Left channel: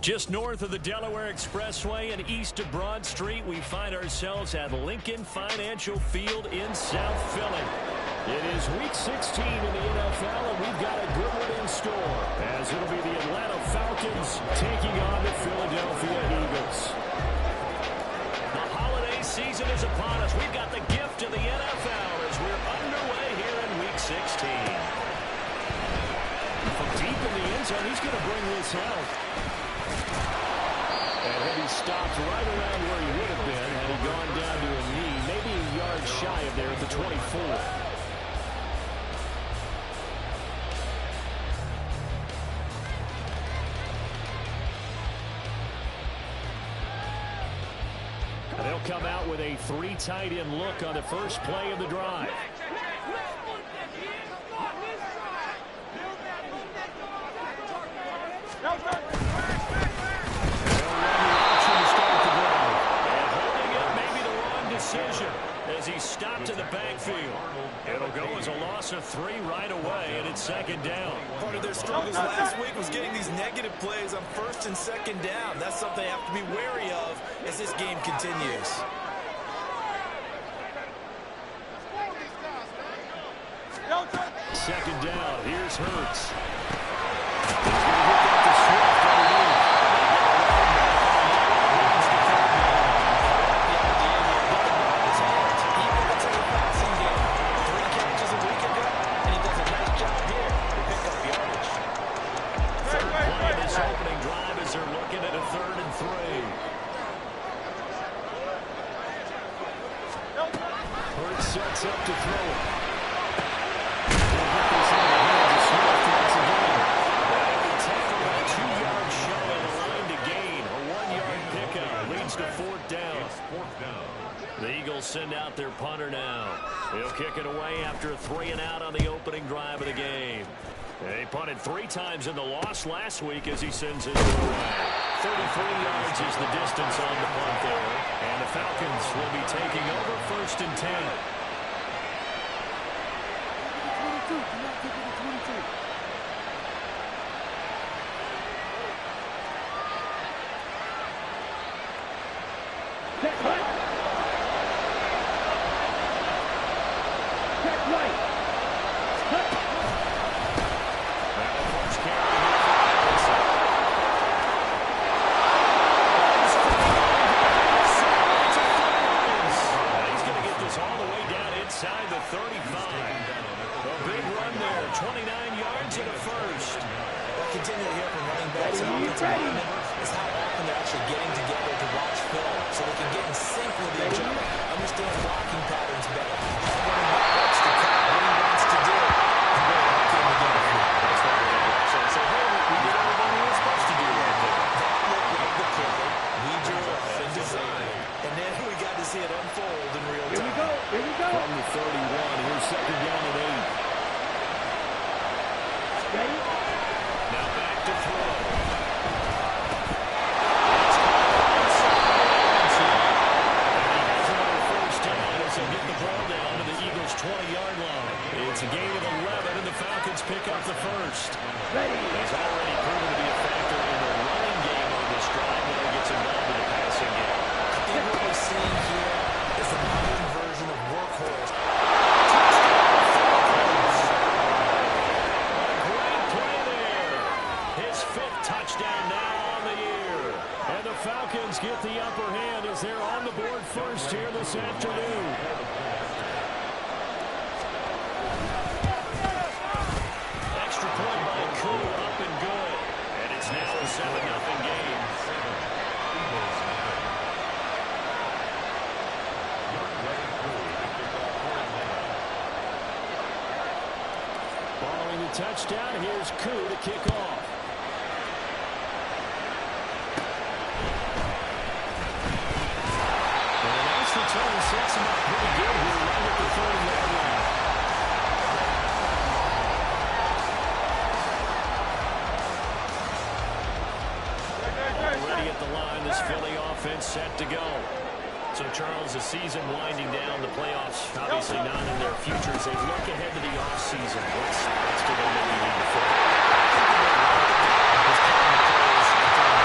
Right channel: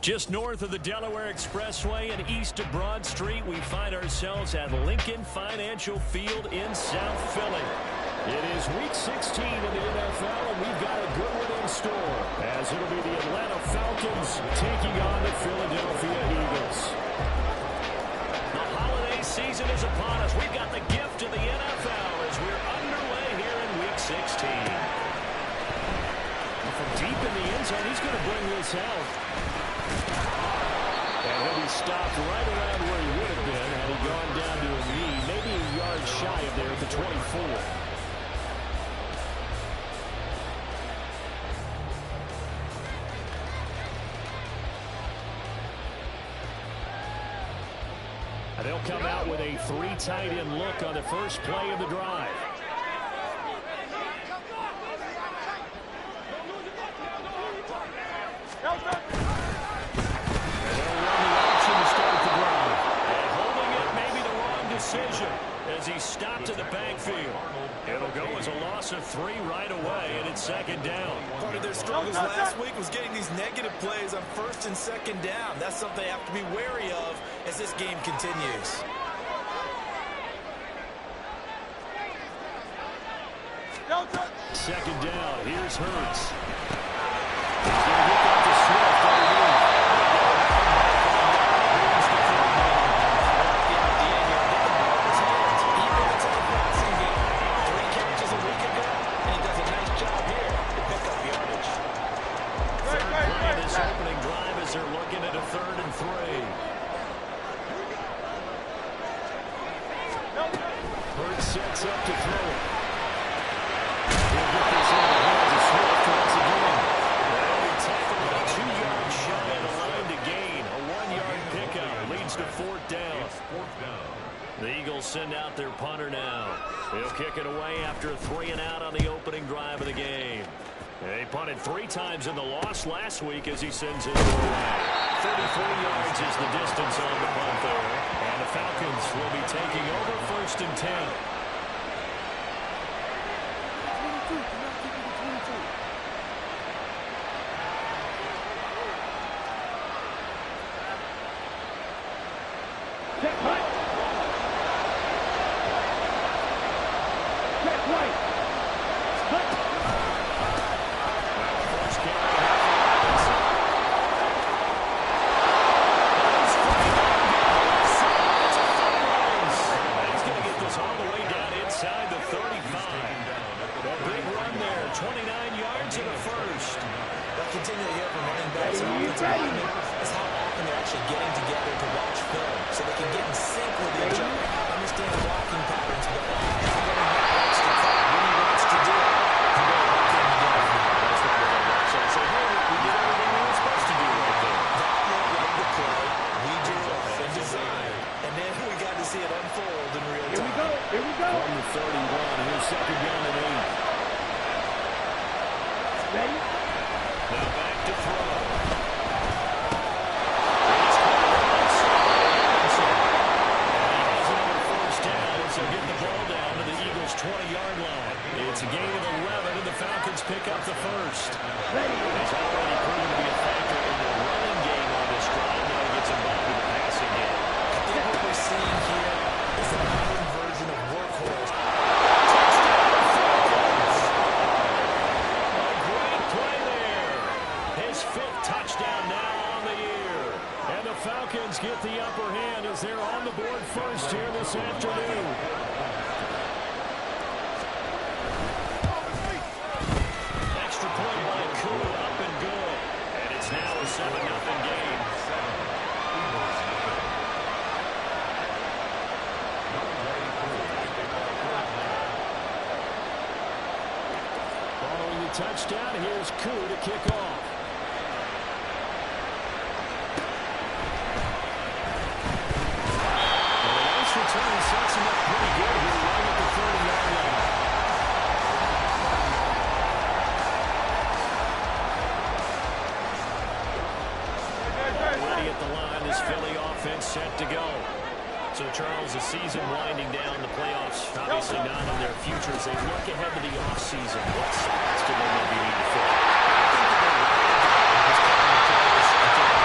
Just north of the Delaware Expressway and east of Broad Street, we find ourselves at Lincoln Financial Field in South Philly. It is Week 16 in the NFL, and we've got a good one in store, as it'll be the Atlanta Falcons taking on the Philadelphia Eagles. The holiday season is upon us. We've got the gift of the NFL as we're underway here in Week 16. From deep in the end zone, he's going to bring this out. And he'll be stopped right around where he would have been had he gone down to a knee, maybe a yard shy of there at the 24. And they'll come out with a 3 tight end look on the first play of the drive. Decision as he stopped in the backfield. It'll go as a loss of 3 right away, and it's second down. Part of their struggles last week was getting these negative plays on first and second down. That's something they have to be wary of as this game continues. Second down. Here's Hurts. He's going to get that to Swift underneath. Opening drive as they're looking at a 3rd and 3. Hurts sets up to throw it. He'll get this into the hands of Swift once again. They'll be tackled about 2 yards shy of the line to gain. A 1-yard pickup leads to 4th down. The Eagles send out their punter now. He'll kick it away after a 3 and out on the opening drive of the game. They punted 3 times in the loss last week as he sends it away. 33 yards is the distance on the punt there. And the Falcons will be taking over 1st and 10. Check right. Check right. Cut. All the way down inside the 35. A big run there, 29 yards and a first. What I continue to hear from running backs and offensive linemen is how often they're actually getting together to watch film so they can get in sync with each other, understand blocking patterns better. The running back likes to cut what he wants to do. And they're working together. That's why they watch and say, hey, we did everything we were supposed to do right there. That looked like the play we drew up and designed. And then we got to see it unfold in real time. Here we go. From the 31, here's second down and 8. Ready? Now back to throw. And he has another first down as he'll get the ball down to the Eagles' 20-yard line. It's a gain of 11, and the Falcons pick up the first. Ready. He's already proven to be a factor in the running game on this drive. Now he gets involved in the passing game. I think what we're seeing here is a modern version of workhorse. A great play there. His 5th touchdown now on the year. And the Falcons get the upper hand as they're on the board first here this afternoon. Extra point by Koo, up and good. And it's now a 7-0 game. Following the touchdown, here's Koo to kick off. And a nice return sets him up pretty good here right at the 30-yard line. Already at the line, this Philly offense set to go. So, Charles, the season winding down, the playoffs obviously not in their future. As they look ahead to the offseason, what spots do they maybe need to fill? I think that they're right to go because counting the players and throwing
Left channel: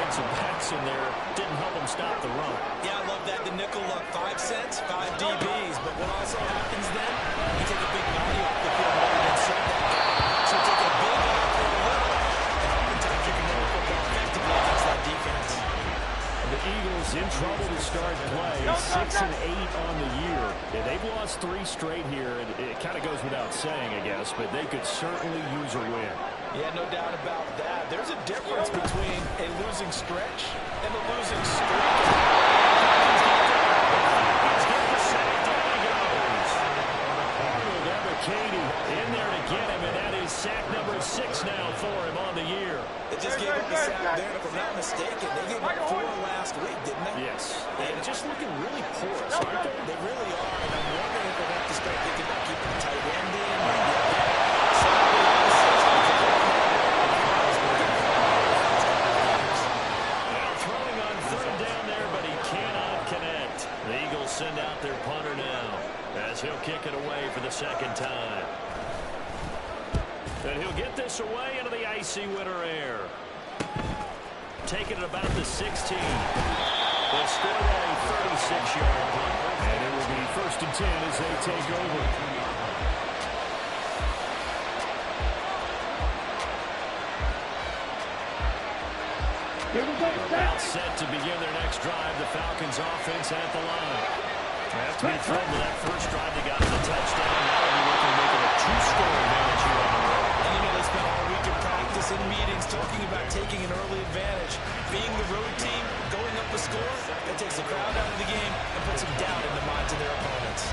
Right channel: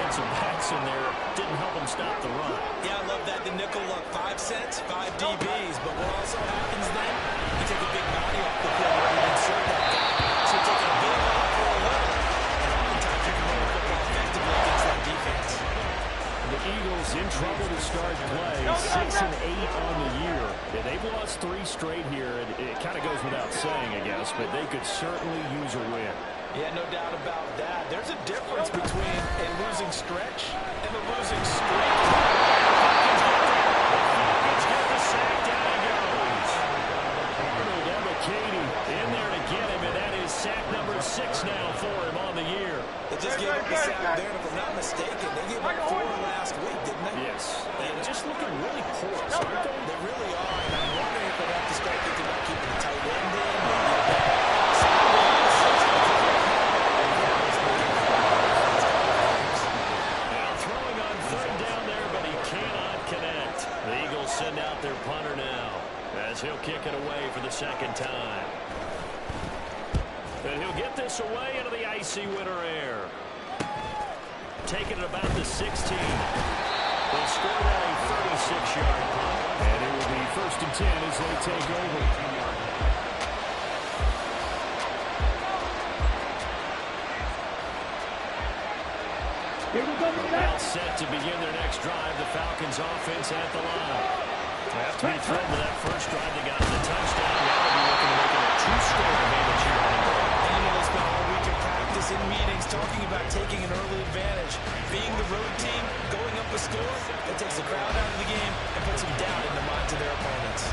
defensive backs in there didn't help them stop the run. Yeah, I love that. The nickel look, 5 cents, 5 DBs. But what also happens then, you take a big body off the field in order to insert that guy. So you take a big off for a little. And oftentimes you can run the football effectively against that defense. The Eagles in trouble to start play, 6-8 on the year. Yeah, they've lost 3 straight here. It kind of goes without saying, I guess, but they could certainly use a win. Yeah, no doubt about that. There's a difference between a losing stretch and a losing streak. The Falcons get there. The Falcons get the sack. Down he goes. Arnold Ebiketie in there to get him, and that is sack number 6 now for him on the year. They just gave up the sack there, and if I'm not mistaken, they gave up 4 last week, didn't they? Yes. And just looking really porous, aren't they? They really are, and I'm wondering if they'd have to start thinking about keeping the tight end in, maybe a back. Somebody on the system, because right now throwing on 3rd down there, but he cannot connect. The Eagles send out their punter now, as he'll kick it away for the 2nd time. And he'll get this away into the icy winter air. Taking it about the 16. They'll score that a 36-yard punt. And it will be 1st and 10 as they take over. Here we go. About set to begin their next drive. The Falcons offense at the line. After he thrown to that first drive, they got the touchdown. Now they'll be looking to make it a 2-score advantage here on the road. And you know, they spent all week in practice, in meetings, talking about taking an early advantage. Being the road team, going up a score, that takes the crowd out of the game and puts some doubt in the minds of their opponents.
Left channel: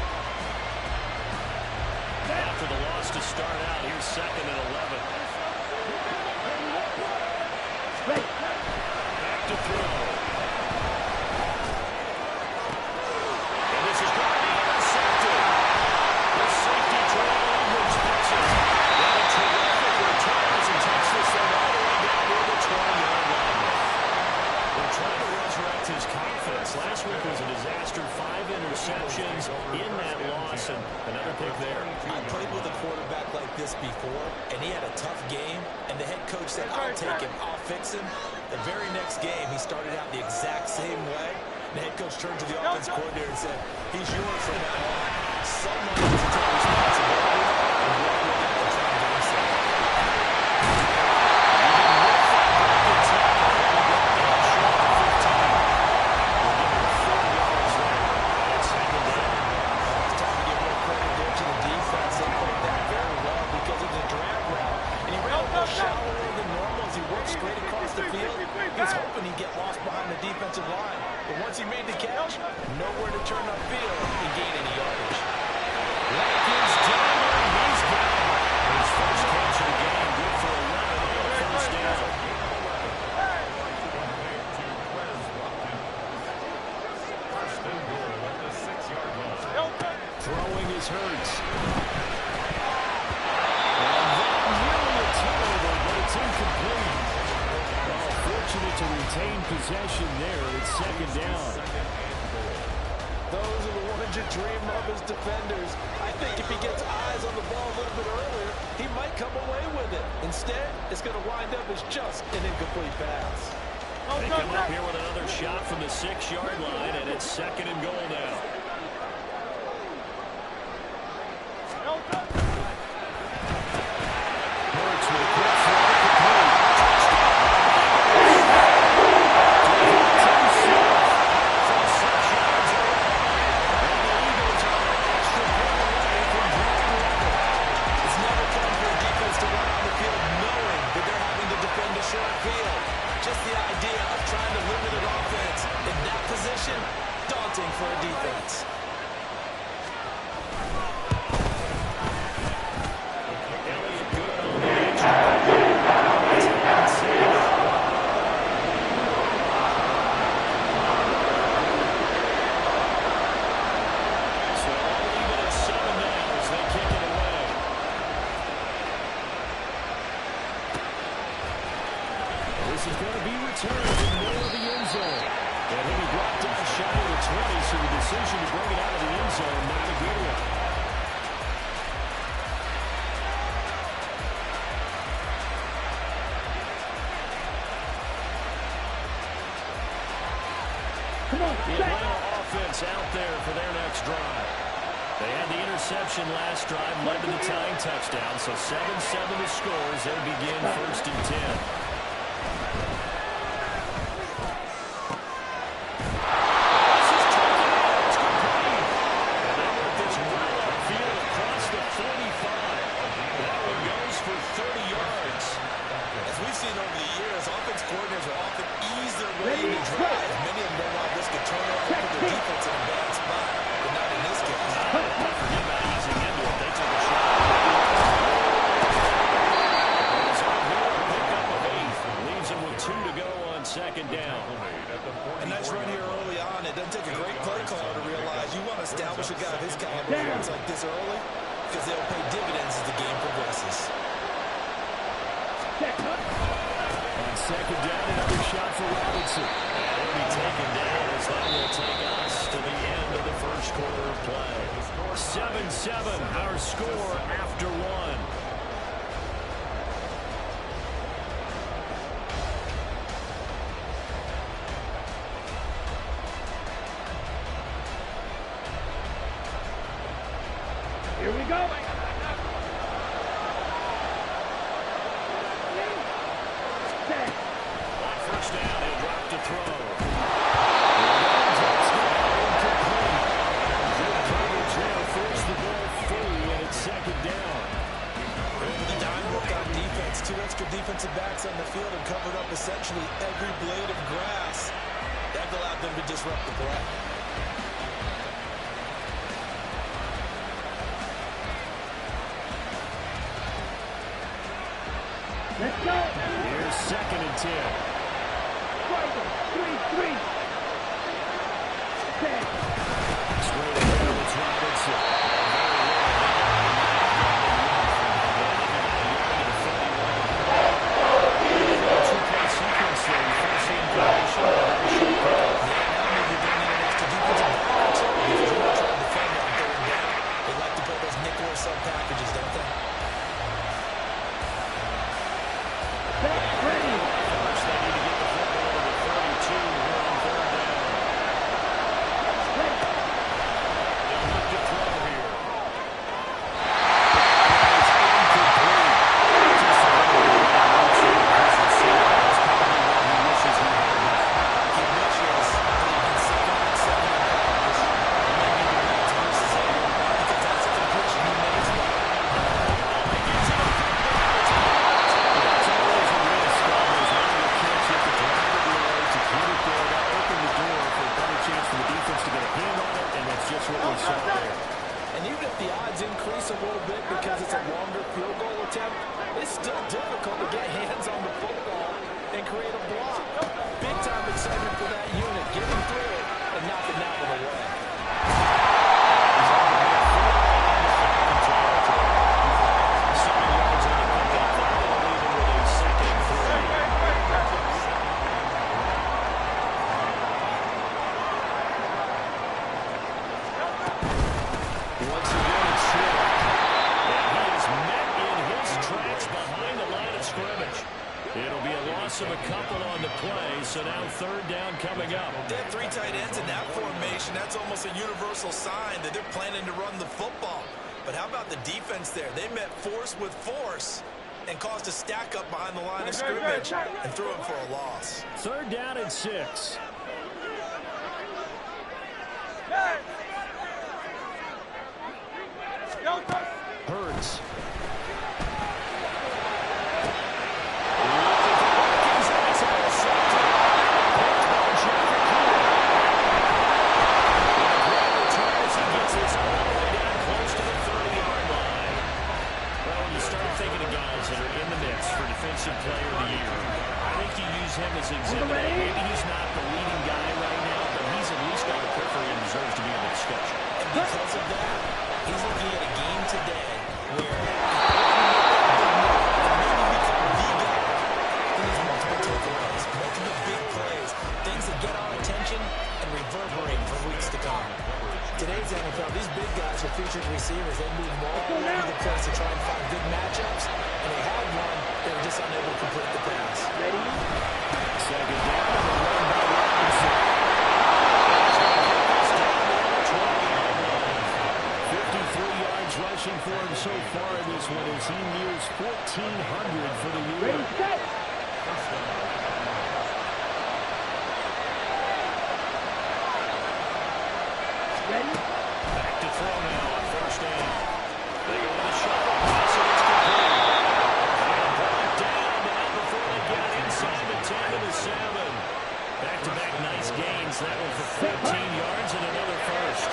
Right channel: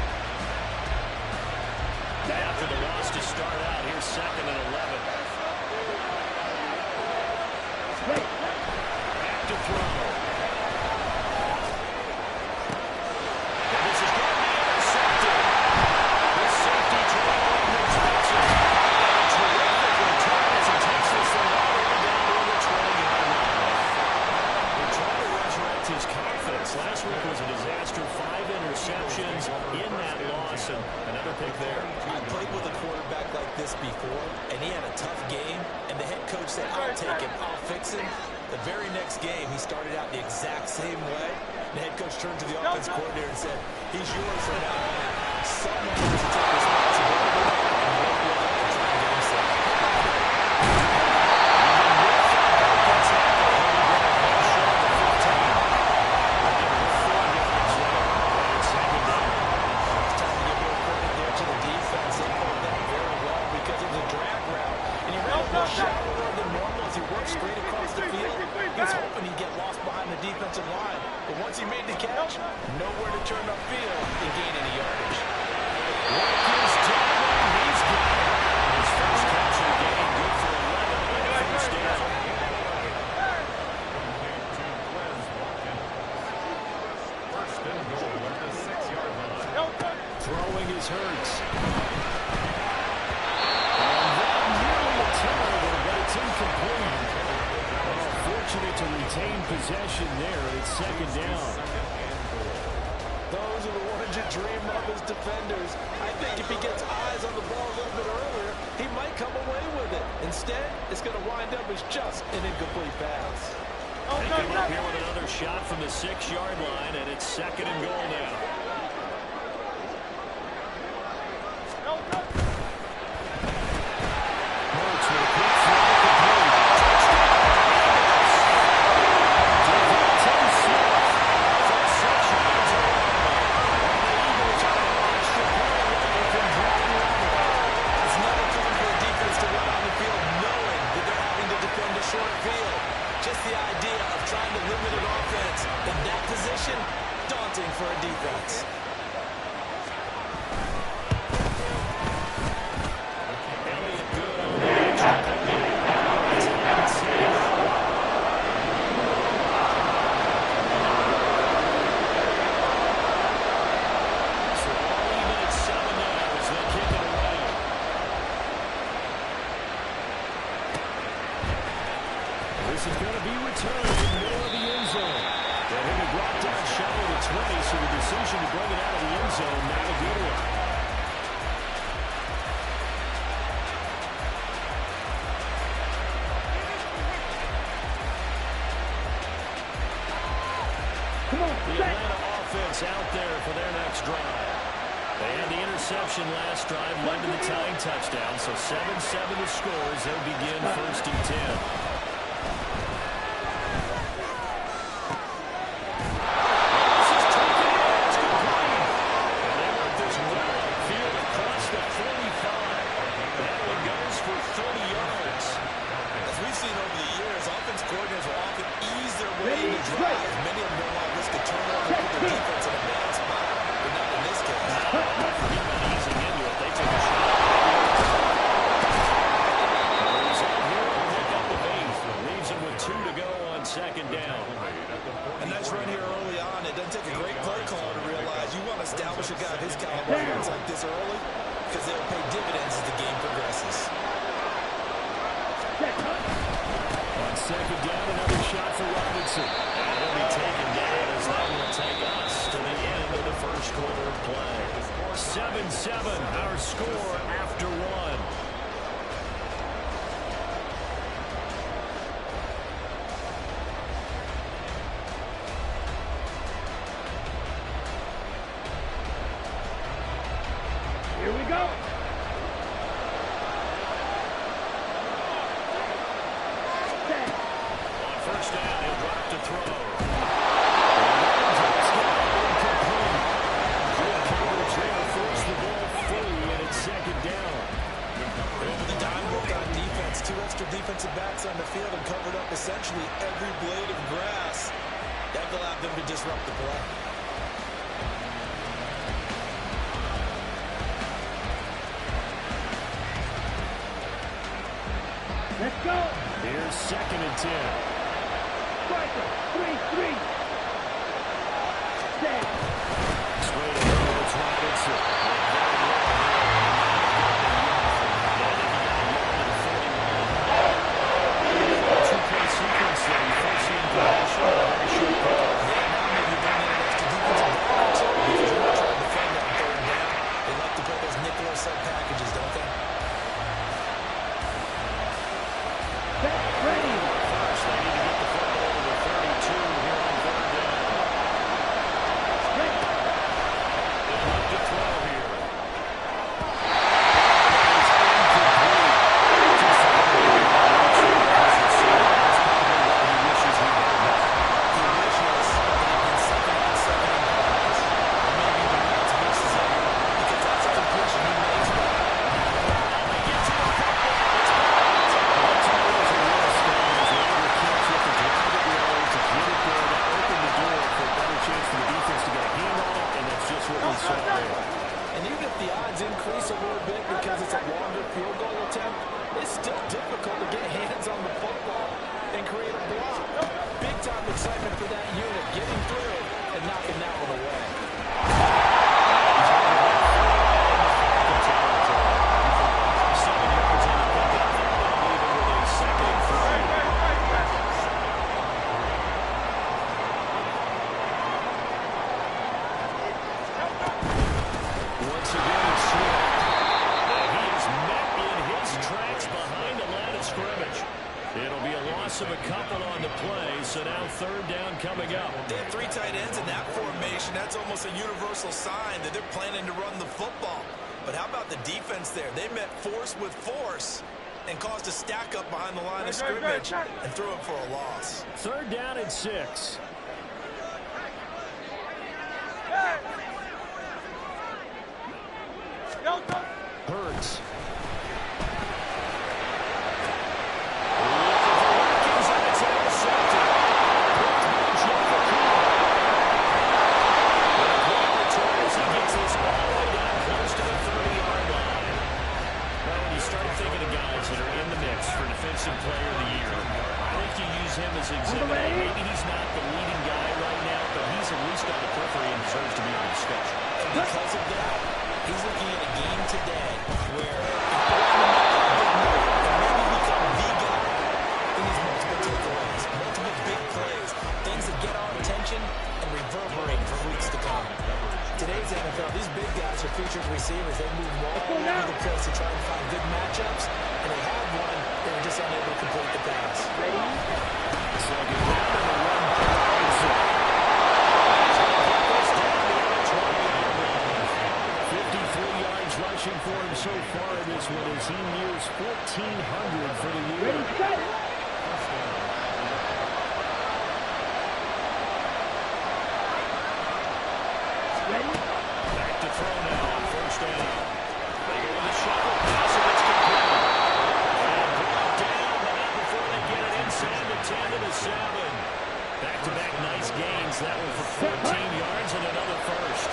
After the loss to start out, here's 2nd and 11. Back to throw. And this is going to be intercepted. This safety Terrell Edmonds picks it. And a terrific return as he takes this thing all the way down to the 20-yard line. They're trying to resurrect his confidence. Last week was a disaster. 5 interceptions in that loss, and another pick there. I played with a quarterback like this before, and he had a tough game, and the head coach said, I'll take him, I'll fix him. The very next game, he started out the exact same way. The head coach turned to the offense coordinator and said, he's yours from now on. Someone has to take responsibility and work with it and try and get him set. Even with that broken tackle, he'll be brought down short to 15. We'll give him 4 yards there. And it's 2nd down. It's time to give more credit there to the defense. They played that very well because it was a drag route. And he ran a little shallower than normal as he worked straight across the field. He was hoping he'd get lost behind the defensive line. But once he made the catch, nowhere to turn upfield and gain any yardage. Watkins down there. He's got it. His first catch of the game. Good for 11 and a 1st down. Throwing is Hurts. And then nearly a turnover, but it's incomplete. Oh, fortunate to retain possession there. It's 2nd down. Those are the ones you dream of as defenders. I think if he gets eyes on the ball a little bit earlier, he might come away with it. Instead, it's going to wind up as just an incomplete pass. They come up here with another shot from the 6-yard line, and it's 2nd and goal now. Hurts with a quick throw, complete. Touchdown, Eagles! From 6 yards away. And the Eagles are an extra point away from drawing level. It's never fun for a defense to run on the field knowing that they're having to defend a short field. Just the idea of trying to limit an offense in that position, daunting for a defense. Elliott good on the extra point. So all even at 7 now as they kick it away. This is going to be returned in the middle of the end zone. And he'll be brought down shy of the 20, so the decision to bring it out of the end zone, not a good one. The Atlanta offense out there for their next drive. They had the interception last drive, led to the tying touchdown, so 7-7 the score as they begin 1st and 10. We've seen over the years, offense coordinators will often ease their way into drives. Many of them don't want to risk a turnover and put their defense in a bad spot, but not in this case. Forget about easing into it. They took a shot. The result here, a pickup of 8. Leaves them with 2 to go on 2nd down. A nice run here early on. It doesn't take a great play caller to realize you want to establish a guy of his caliber who runs like this early because they'll pay dividends as the game progresses. On 2nd down, another shot for Robinson. And he'll be taken down as that will take us to the end of the 1st quarter of play. 7-7, our score after 1. Here we go. On 1st down, he'll drop to throw. Good coverage there. Force the ball free, and it's 2nd down. Over the dime work on defense. 2 extra defensive backs on the field and covered up essentially every blade of grass. That allowed them to disrupt the play. Let's go. Here's 2nd and 10. Striker. 3-3. Set. Straight ahead, it's Robinson. And very well there. He might have gotten a yard from it. I think he got a yard to the 41. 2-play sequence there. You first see information and a very short pickup. Yeah, now maybe you bring in an extra defensive back or 2 because you're not trying to defend on 3rd down. They like to play those nickel or sub packages, don't they? Ready. First, they need to get the football to the 32 here on 3rd down. Ready. They'll look to throw here. That is incomplete. Just a little bit of his receiver. That's probably what he wishes he had back. He wishes that he'd been 2nd on 7 in practice. Or maybe the Reds versus Air, because that's a completion he makes well. Oh, he gets it. It's blocked. But that's always a risk on those longer kicks. You have to drive it low to get it there. That opened the door for a better chance for the defense to get a hand on it, and that's just what we saw there. And even if the odds increase a little bit because it's a longer field goal attempt, it's still difficult to get hands on the football and create a block. Big-time excitement for that unit, getting through and knocking that one away. He's on the midfield and the Falcon territory. 7 yards on the pickup there. That'll leave him with a 2nd and 3. Once again, it's Swift. And he is met in his tracks behind the line of scrimmage. It'll be a loss of a couple on the play, so now 3rd down coming up. They have 3 tight ends in that formation. That's almost a universal sign that they're planning to run the football. But how about the defense there? They met force with force and caused a stack up behind the line of scrimmage and threw him for a loss. 3rd down and 6. Hurts. Looking for Watkins, and it's intercepted. Picked by Jefferson. With a great return as he gets this all the way down close to the 30-yard line. Well, when you start thinking of guys that are in the mix for Defensive Player of the Year, I think you use him as Exhibit A. Maybe he's not the leading guy right now, but he's at least on the periphery and deserves to be in the discussion. And because of that, he's looking at a game today where in order to make that big move and maybe become the guy, he needs multiple takeaways, multiple big plays, things that get our attention and reverberate for weeks to come. Today's NFL, these big guys are featured receivers. They move all over the place to try and find good matchups, and they had one. They were just unable to complete the pass. Ready. 2nd down and a run by Robinson. so far in this one as he nears 1,400 for the year. Ready, set. Ready. Back to throw now on first down. They go with a shuffle pass, and it's complete. And brought down, but not before they get it inside the 10 to the 7. Back-to-back nice gains. That one for 14 yards and another first.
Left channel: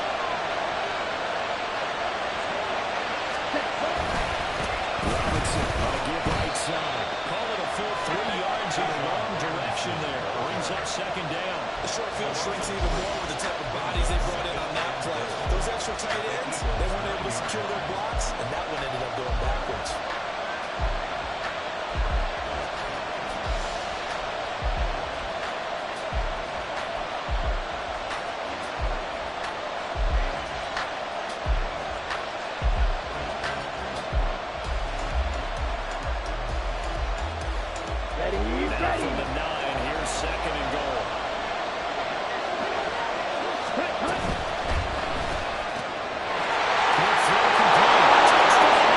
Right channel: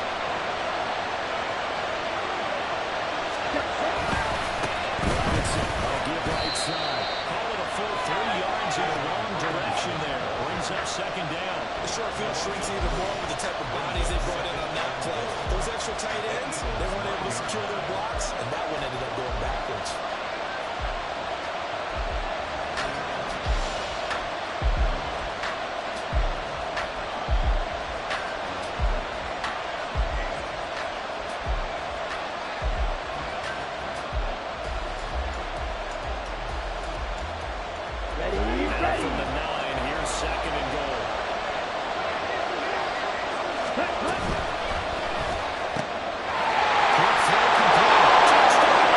Robinson on a give right side. Call it a full 3 yards in the wrong direction there. Brings up second down. The short field shrinks even more with the type of bodies they brought in on that play. Those extra tight ends, they weren't able to secure their blocks, and that one ended up going backwards. Now from the 9, here's second and goal. Cut. Quick throw complete. Touchdown.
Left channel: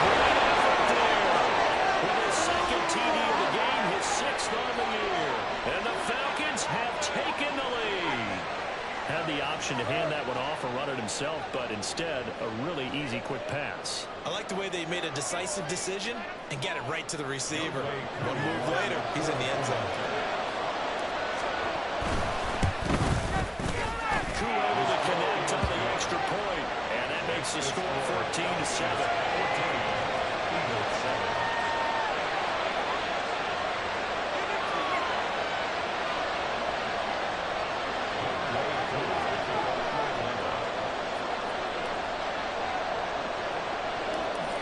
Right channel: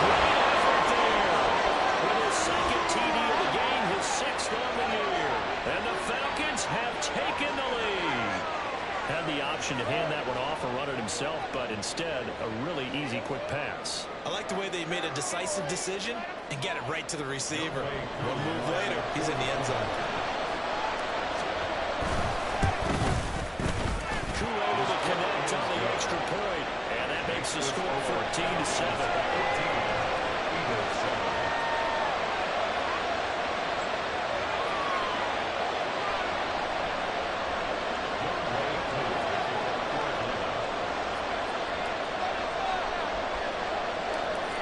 Great effort there. With his second TD of the game, his 6th on the year. And the Falcons have taken the lead. Had the option to hand that one off or run it himself, but instead, a really easy quick pass. I like the way they made a decisive decision and got it right to the receiver. One move later, he's in the end zone. Koo able to connect on the extra point, and that makes the score 14-7.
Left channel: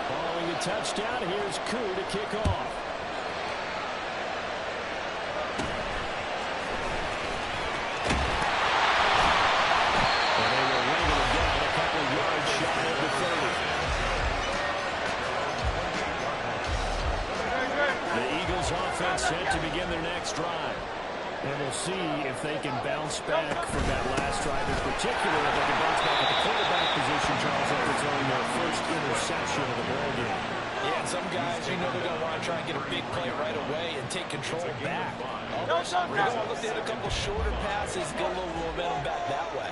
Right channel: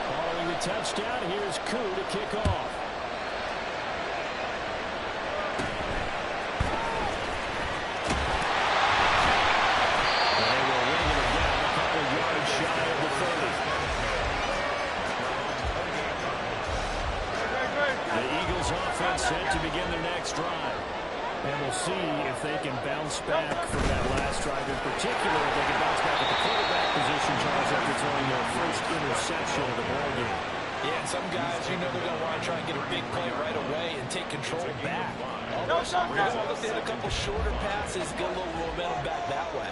Following the touchdown, here's Koo to kick off. And they will wrangle him down a couple yards shy of the 30. The Eagles offense set to begin their next drive. And we'll see if they can bounce back from that last drive, in particular if they can bounce back at the quarterback position, Charles, after throwing their first interception of the ballgame. Yeah, and some guys, you know they're going to want to try and get a big play right away and take control back. Others, we're going to look to hit a couple shorter passes, get a little momentum back that way.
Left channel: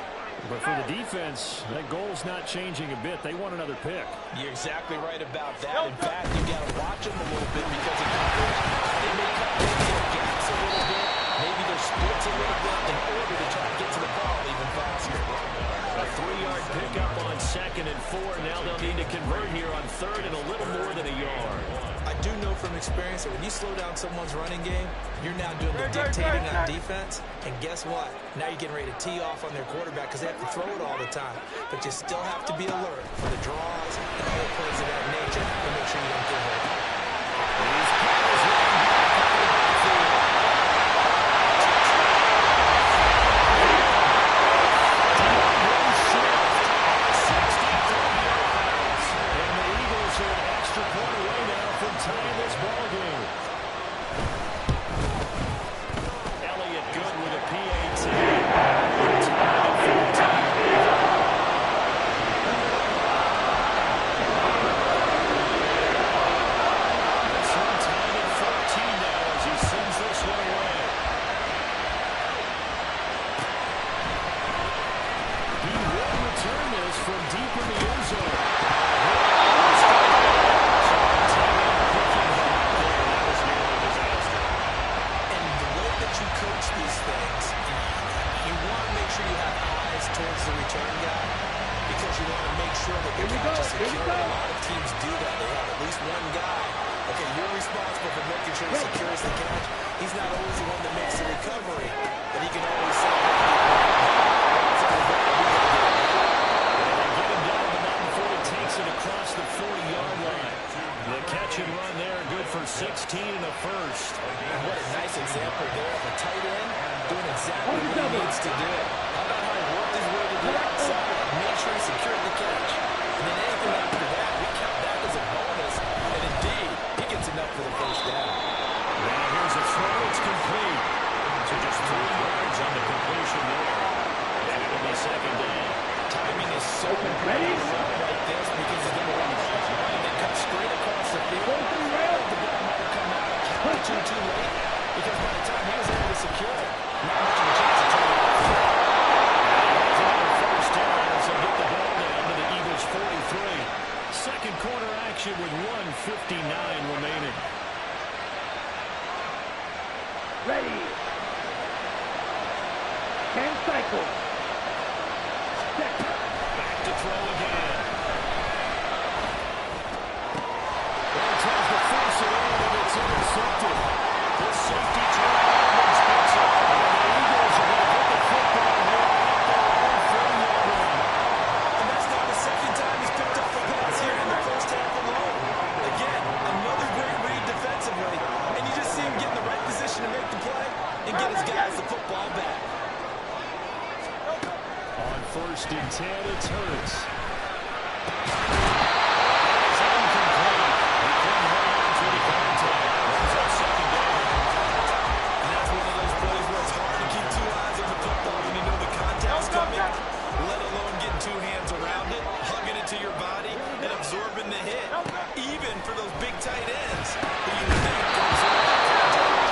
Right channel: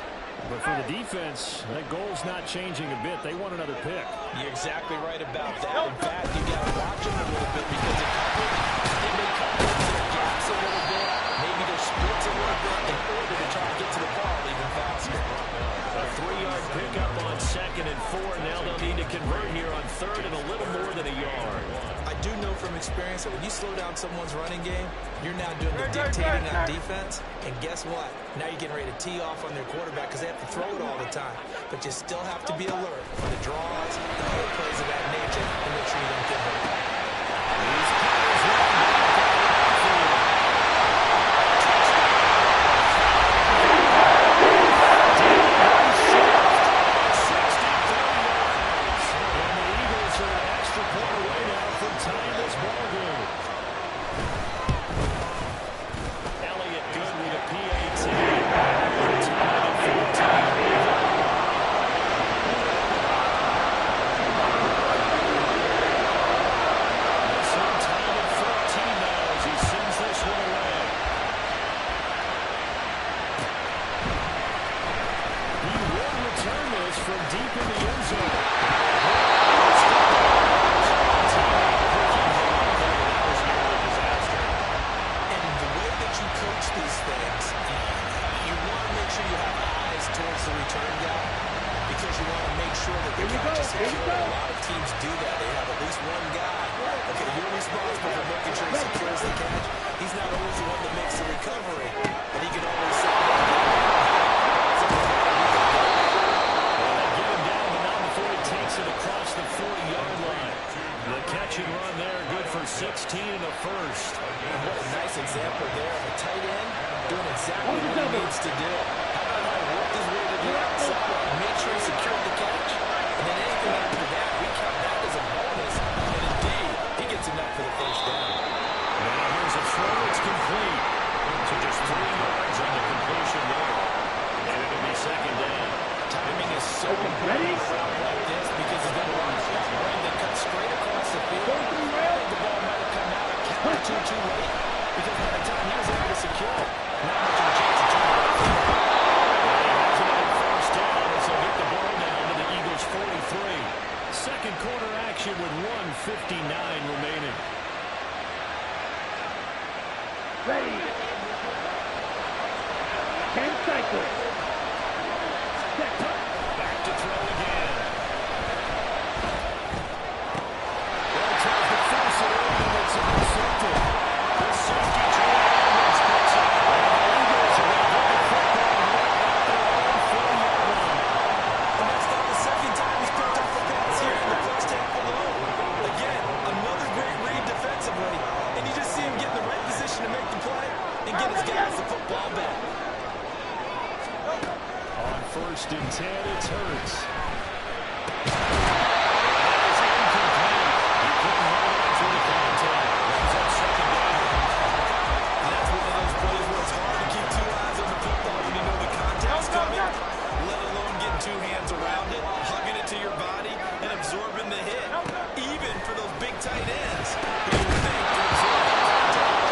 But for the defense, that goal's not changing a bit. They want another pick. You're exactly right about that. In fact, you got to watch them a little bit because in coverage, they may cut into their gaps a little bit, maybe their splits a little bit in order to try and get to the ball even faster. A 3-yard pickup on 2nd and 4. Now they'll need to convert here on 3rd and a little more than a yard. I do know from experience that when you slow down someone's running game, you're now doing the dictating on defense. And guess what? Now you're getting ready to tee off on their quarterback because they have to throw it all the time. But you still have to be alert for the draws and other plays of that nature to make sure you don't get hurt. These players running back out of the backfield. Tying this ball game. Elliott good with a PAT. Tied at 14. This one tied at 14 now as he sends this one away. He will return this from deep in the end zone. You coach these things, you want to make sure you have eyes towards the return guy because you want to make sure that the catch is secure. A lot of teams do that. They have at least one guy. Okay, you're responsible for making sure he secures the catch. He's not always the one that makes the recovery, but he can always say, hey, they get him down, but not before he takes it across the 40-yard line. The catch and run there, good for 16 and a first. What a nice example there of a tight end doing exactly what he needs to do. How about how he worked his way to the outside, made sure he secured the catch, and then anything after that, we count that as a bonus, and indeed, he gets enough for the first down. Now here's a throw, it's complete. So just 3 yards on the completion there, and it'll be second down. Timing is so important Ready? on a route like this because he's going to run up that lane that cuts straight across the field. 43 I rail. think the ball might have come out a count or two too late because by the time he was able to secure it, not much of a chance to turn it off. And he has another first down as they get the ball down to the Eagles' 43. Second quarter action with 1:59 remaining. Ready. 10 cycles. Set up. Back to throw again. Well, tries to force it in, and it's intercepted. The safety Terrell Edmonds picks it. And the Eagles are going to get the football here at their own 40-yard line. And that's now the second time he's picked up a pass here in the first half alone. Again, another great read defensively, and you just see him get in the right position to make the play and get his guys the football back. On 1st and 10, it's Hurts. That is incomplete. He couldn't hold on through the contact. Brings up second down. And that's one of those plays where it's hard to keep two eyes on the football when you know the contact's coming, let alone getting two hands around it, hugging it to your body, and absorbing the hit, even for those big tight ends who you would think to absorb that contact.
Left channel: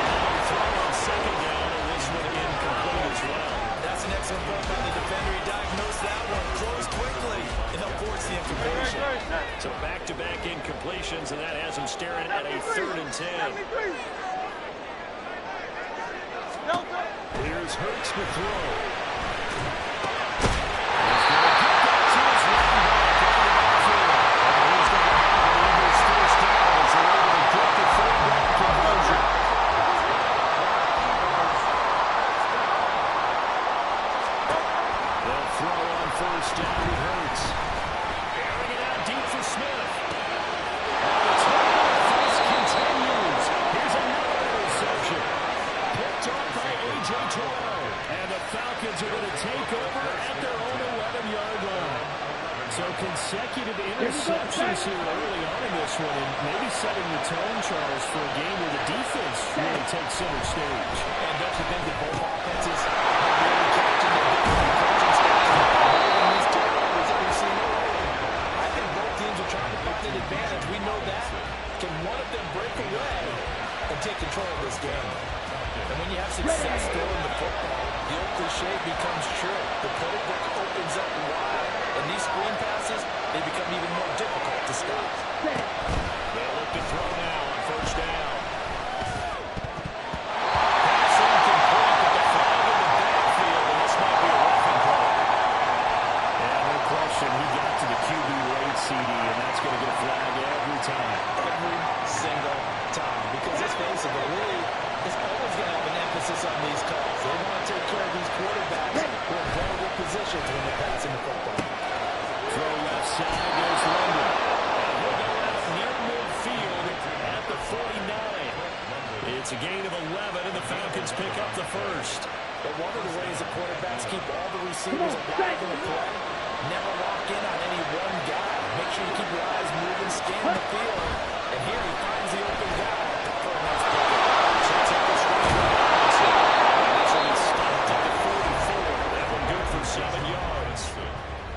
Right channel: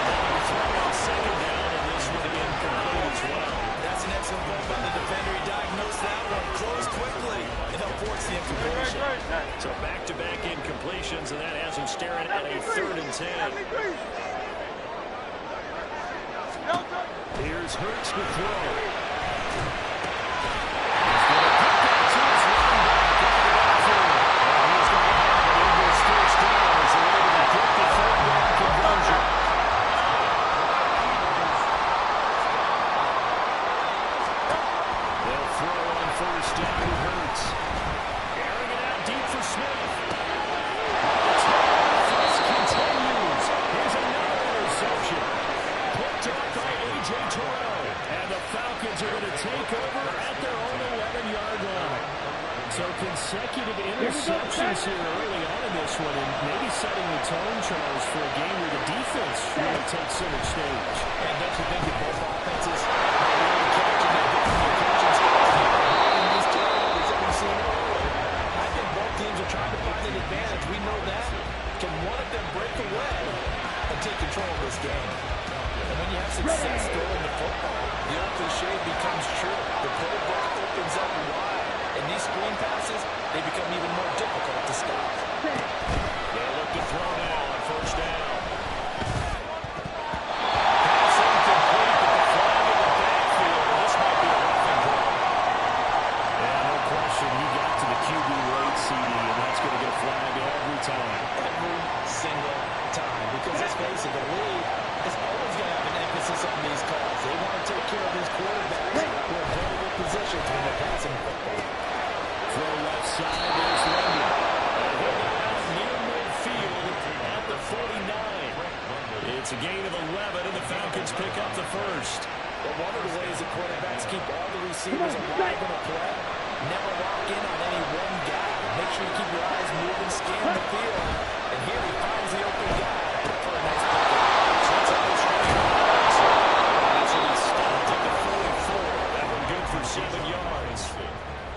Another throw on second down, and this one incomplete as well. That's an excellent play by the defender. He diagnosed that one, closed quickly, and helped force the incompletion. So back-to-back incompletions, and that has him staring at a 3rd and 10. Here's Hurts to throw. He's going to get that to his running back out of the backfield. And he's going to have the Eagles' first down as they're able to get the 3rd down conversion. They'll throw on 1st down to Hurts. Airing it out deep for Smith. The turnover continues. Here's another interception. Picked off by A.J. Terrell. And the Falcons are going to take over at their own 11-yard line. So consecutive interceptions here early on in this one, and maybe setting the tone, Charles, for a game where the defense really takes center stage. And don't you think that both offenses are really catching their different coaching styles and avoiding these turnovers that we've seen early? I think both teams are trying to find an advantage. We know that. Can one of them break away and take control of this game? And when you have success throwing the football, the old cliche becomes true. The playbook opens up wide, and these screen passes, they become even more difficult to stop. They'll look to throw now on 1st down. Pass incomplete, but the flag in the backfield, and this might be a roughing call. Yeah, no question. He got to the QB late, CD, and that's going to get a flag every time. Every single time. Because let's face it, the league is always going to have an emphasis on these calls. They want to take care of these quarterbacks who are in vulnerable positions when they're passing the football. Throw left side, there's London. And he'll go out near midfield at the 49. It's a gain of 11, and the Falcons pick up the first. But one of the ways that quarterbacks keep all the receivers alive in a play, never lock in on any one guy. Make sure you keep your eyes moving, scan the field. And here he finds the open guy for a nice pickup. Sets up the screen for Robinson. And this will be stopped at the 44. That one good for 7 yards.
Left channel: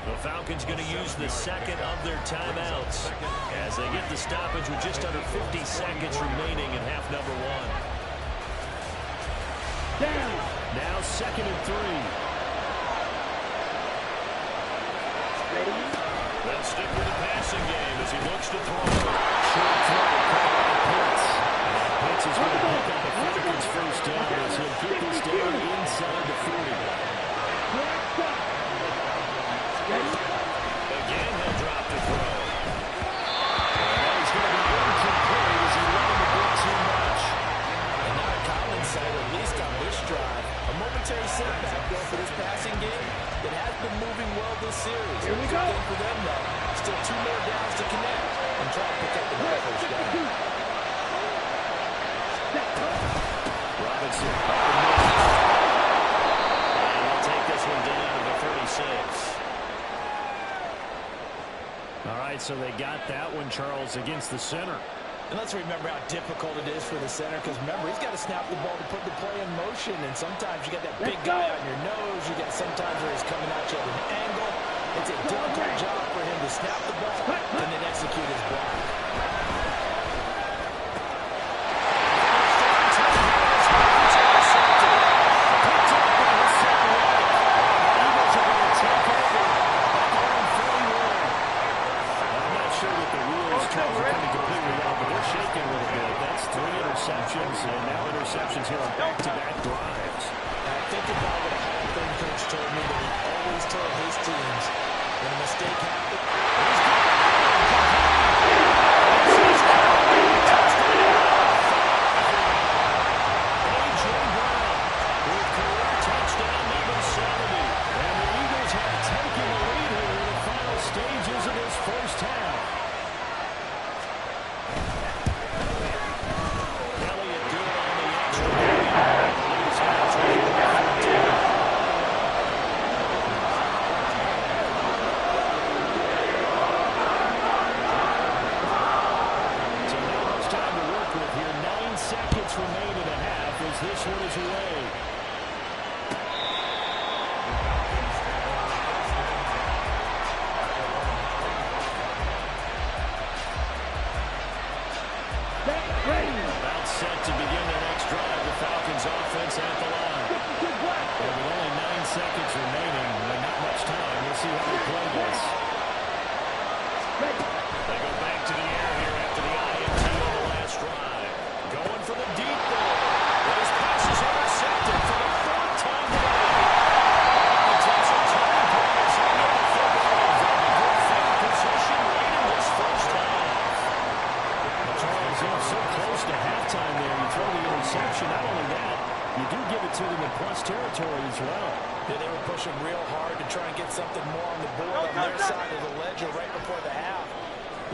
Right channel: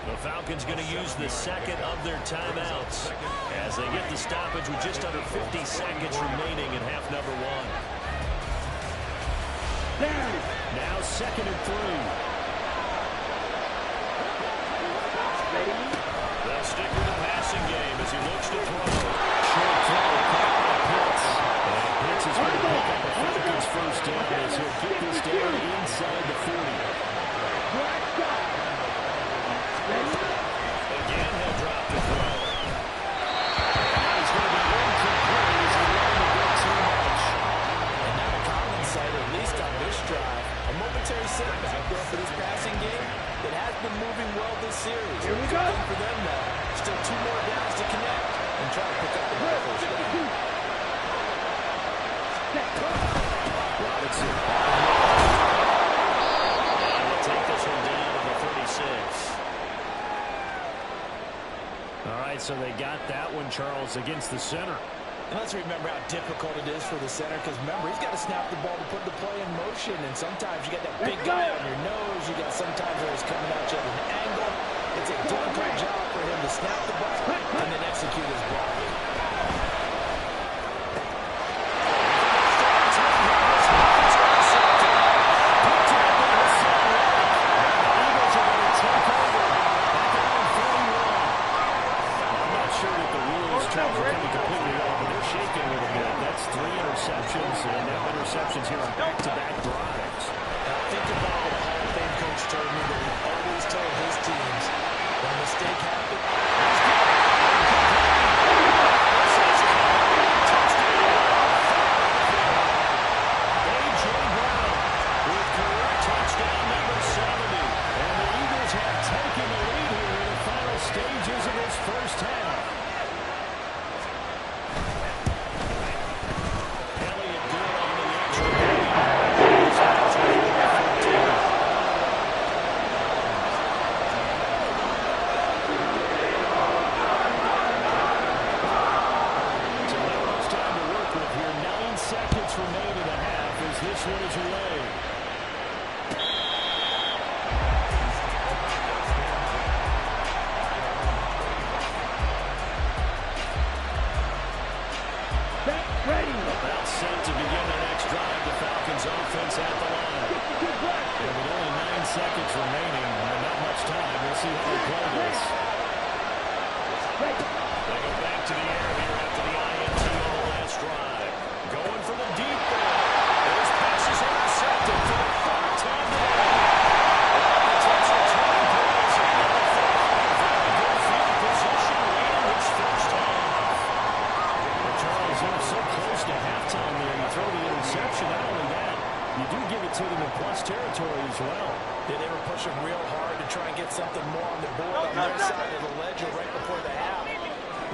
The Falcons going to use the second of their timeouts as they get the stoppage with just under 50 seconds remaining in half number 1. Down. Now 2nd and 3. Ready. They'll stick with the passing game as he looks to throw. Short throw caught by Pitts. And Pitts is going to pick up a Falcons first down as he'll get this down inside the 40. Black side. Ready. Again, he'll drop to throw. And that is going to be incomplete as he let him a bit too much. And not a common sight, at least on this drive. A momentary setback though for this passing game. It has been moving well this series. Here we Good go. thing for them, though. Still 2 more downs to connect and try to pick up another first down. Robinson up the middle. And we'll take this one down to the 36. All right, so they got that one, Charles, against the center. And let's remember how difficult it is for the center, because remember, he's got to snap the ball to put the play in motion, and sometimes you got that big guy on your nose. You got sometimes where he's coming at you at an angle. It's a difficult job for him to snap the ball and then execute his block. Interceptions, and now interceptions here on back-to-back drives. Now think about what a Hall of Fame coach told me that he always told his teams, when a mistake happens, he's got it. A.J. Brown with career touchdown number 70. And the Eagles have taken the lead here in the final stages of this first half. Remain in the half as this one is away. Set, ready. About set to begin their next drive. The Falcons offense at the line. And with only 9 seconds remaining, not much time. We'll see how they play this. They go back to the air here after the INT on the last drive. Going for the deep ball. His pass is intercepted for the third time today. A potential turning point is he get the football in very good field position late in this first half. Well, Charles, so close to halftime there. You throw the interception. Not only that, you do give it to them in plus territory as well. Yeah, they were pushing real hard to try and get something more on the board on their side of the ledger right before the half.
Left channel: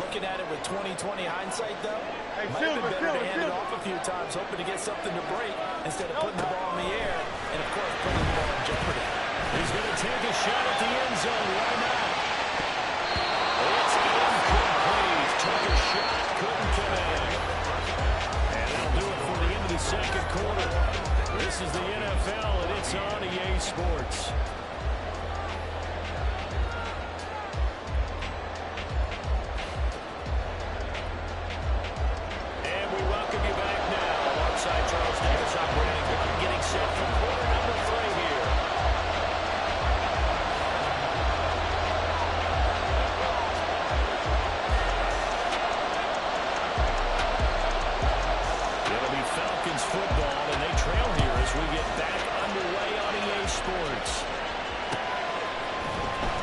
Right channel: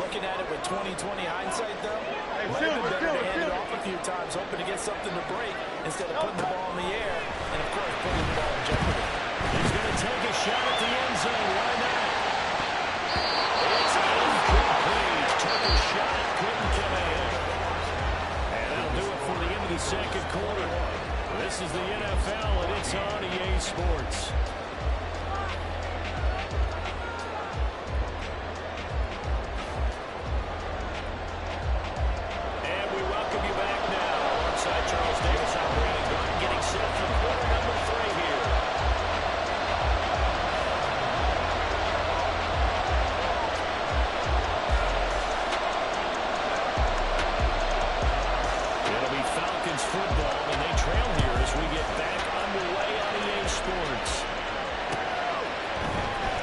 Looking at it with 20/20 hindsight, though, might have been better to hand it off a few times, hoping to get something to break instead of putting the ball in the air and, of course, putting the ball in jeopardy. He's going to take a shot at the end zone. Why not? It's incomplete. Took a shot, couldn't connect. And that'll do it for the end of the second quarter. This is the NFL, and it's on EA Sports. Charles Davis, I'm Brandon Gordon, getting set for quarter number 3 here. It'll be Falcons football, and they trail here as we get back underway on EA Sports.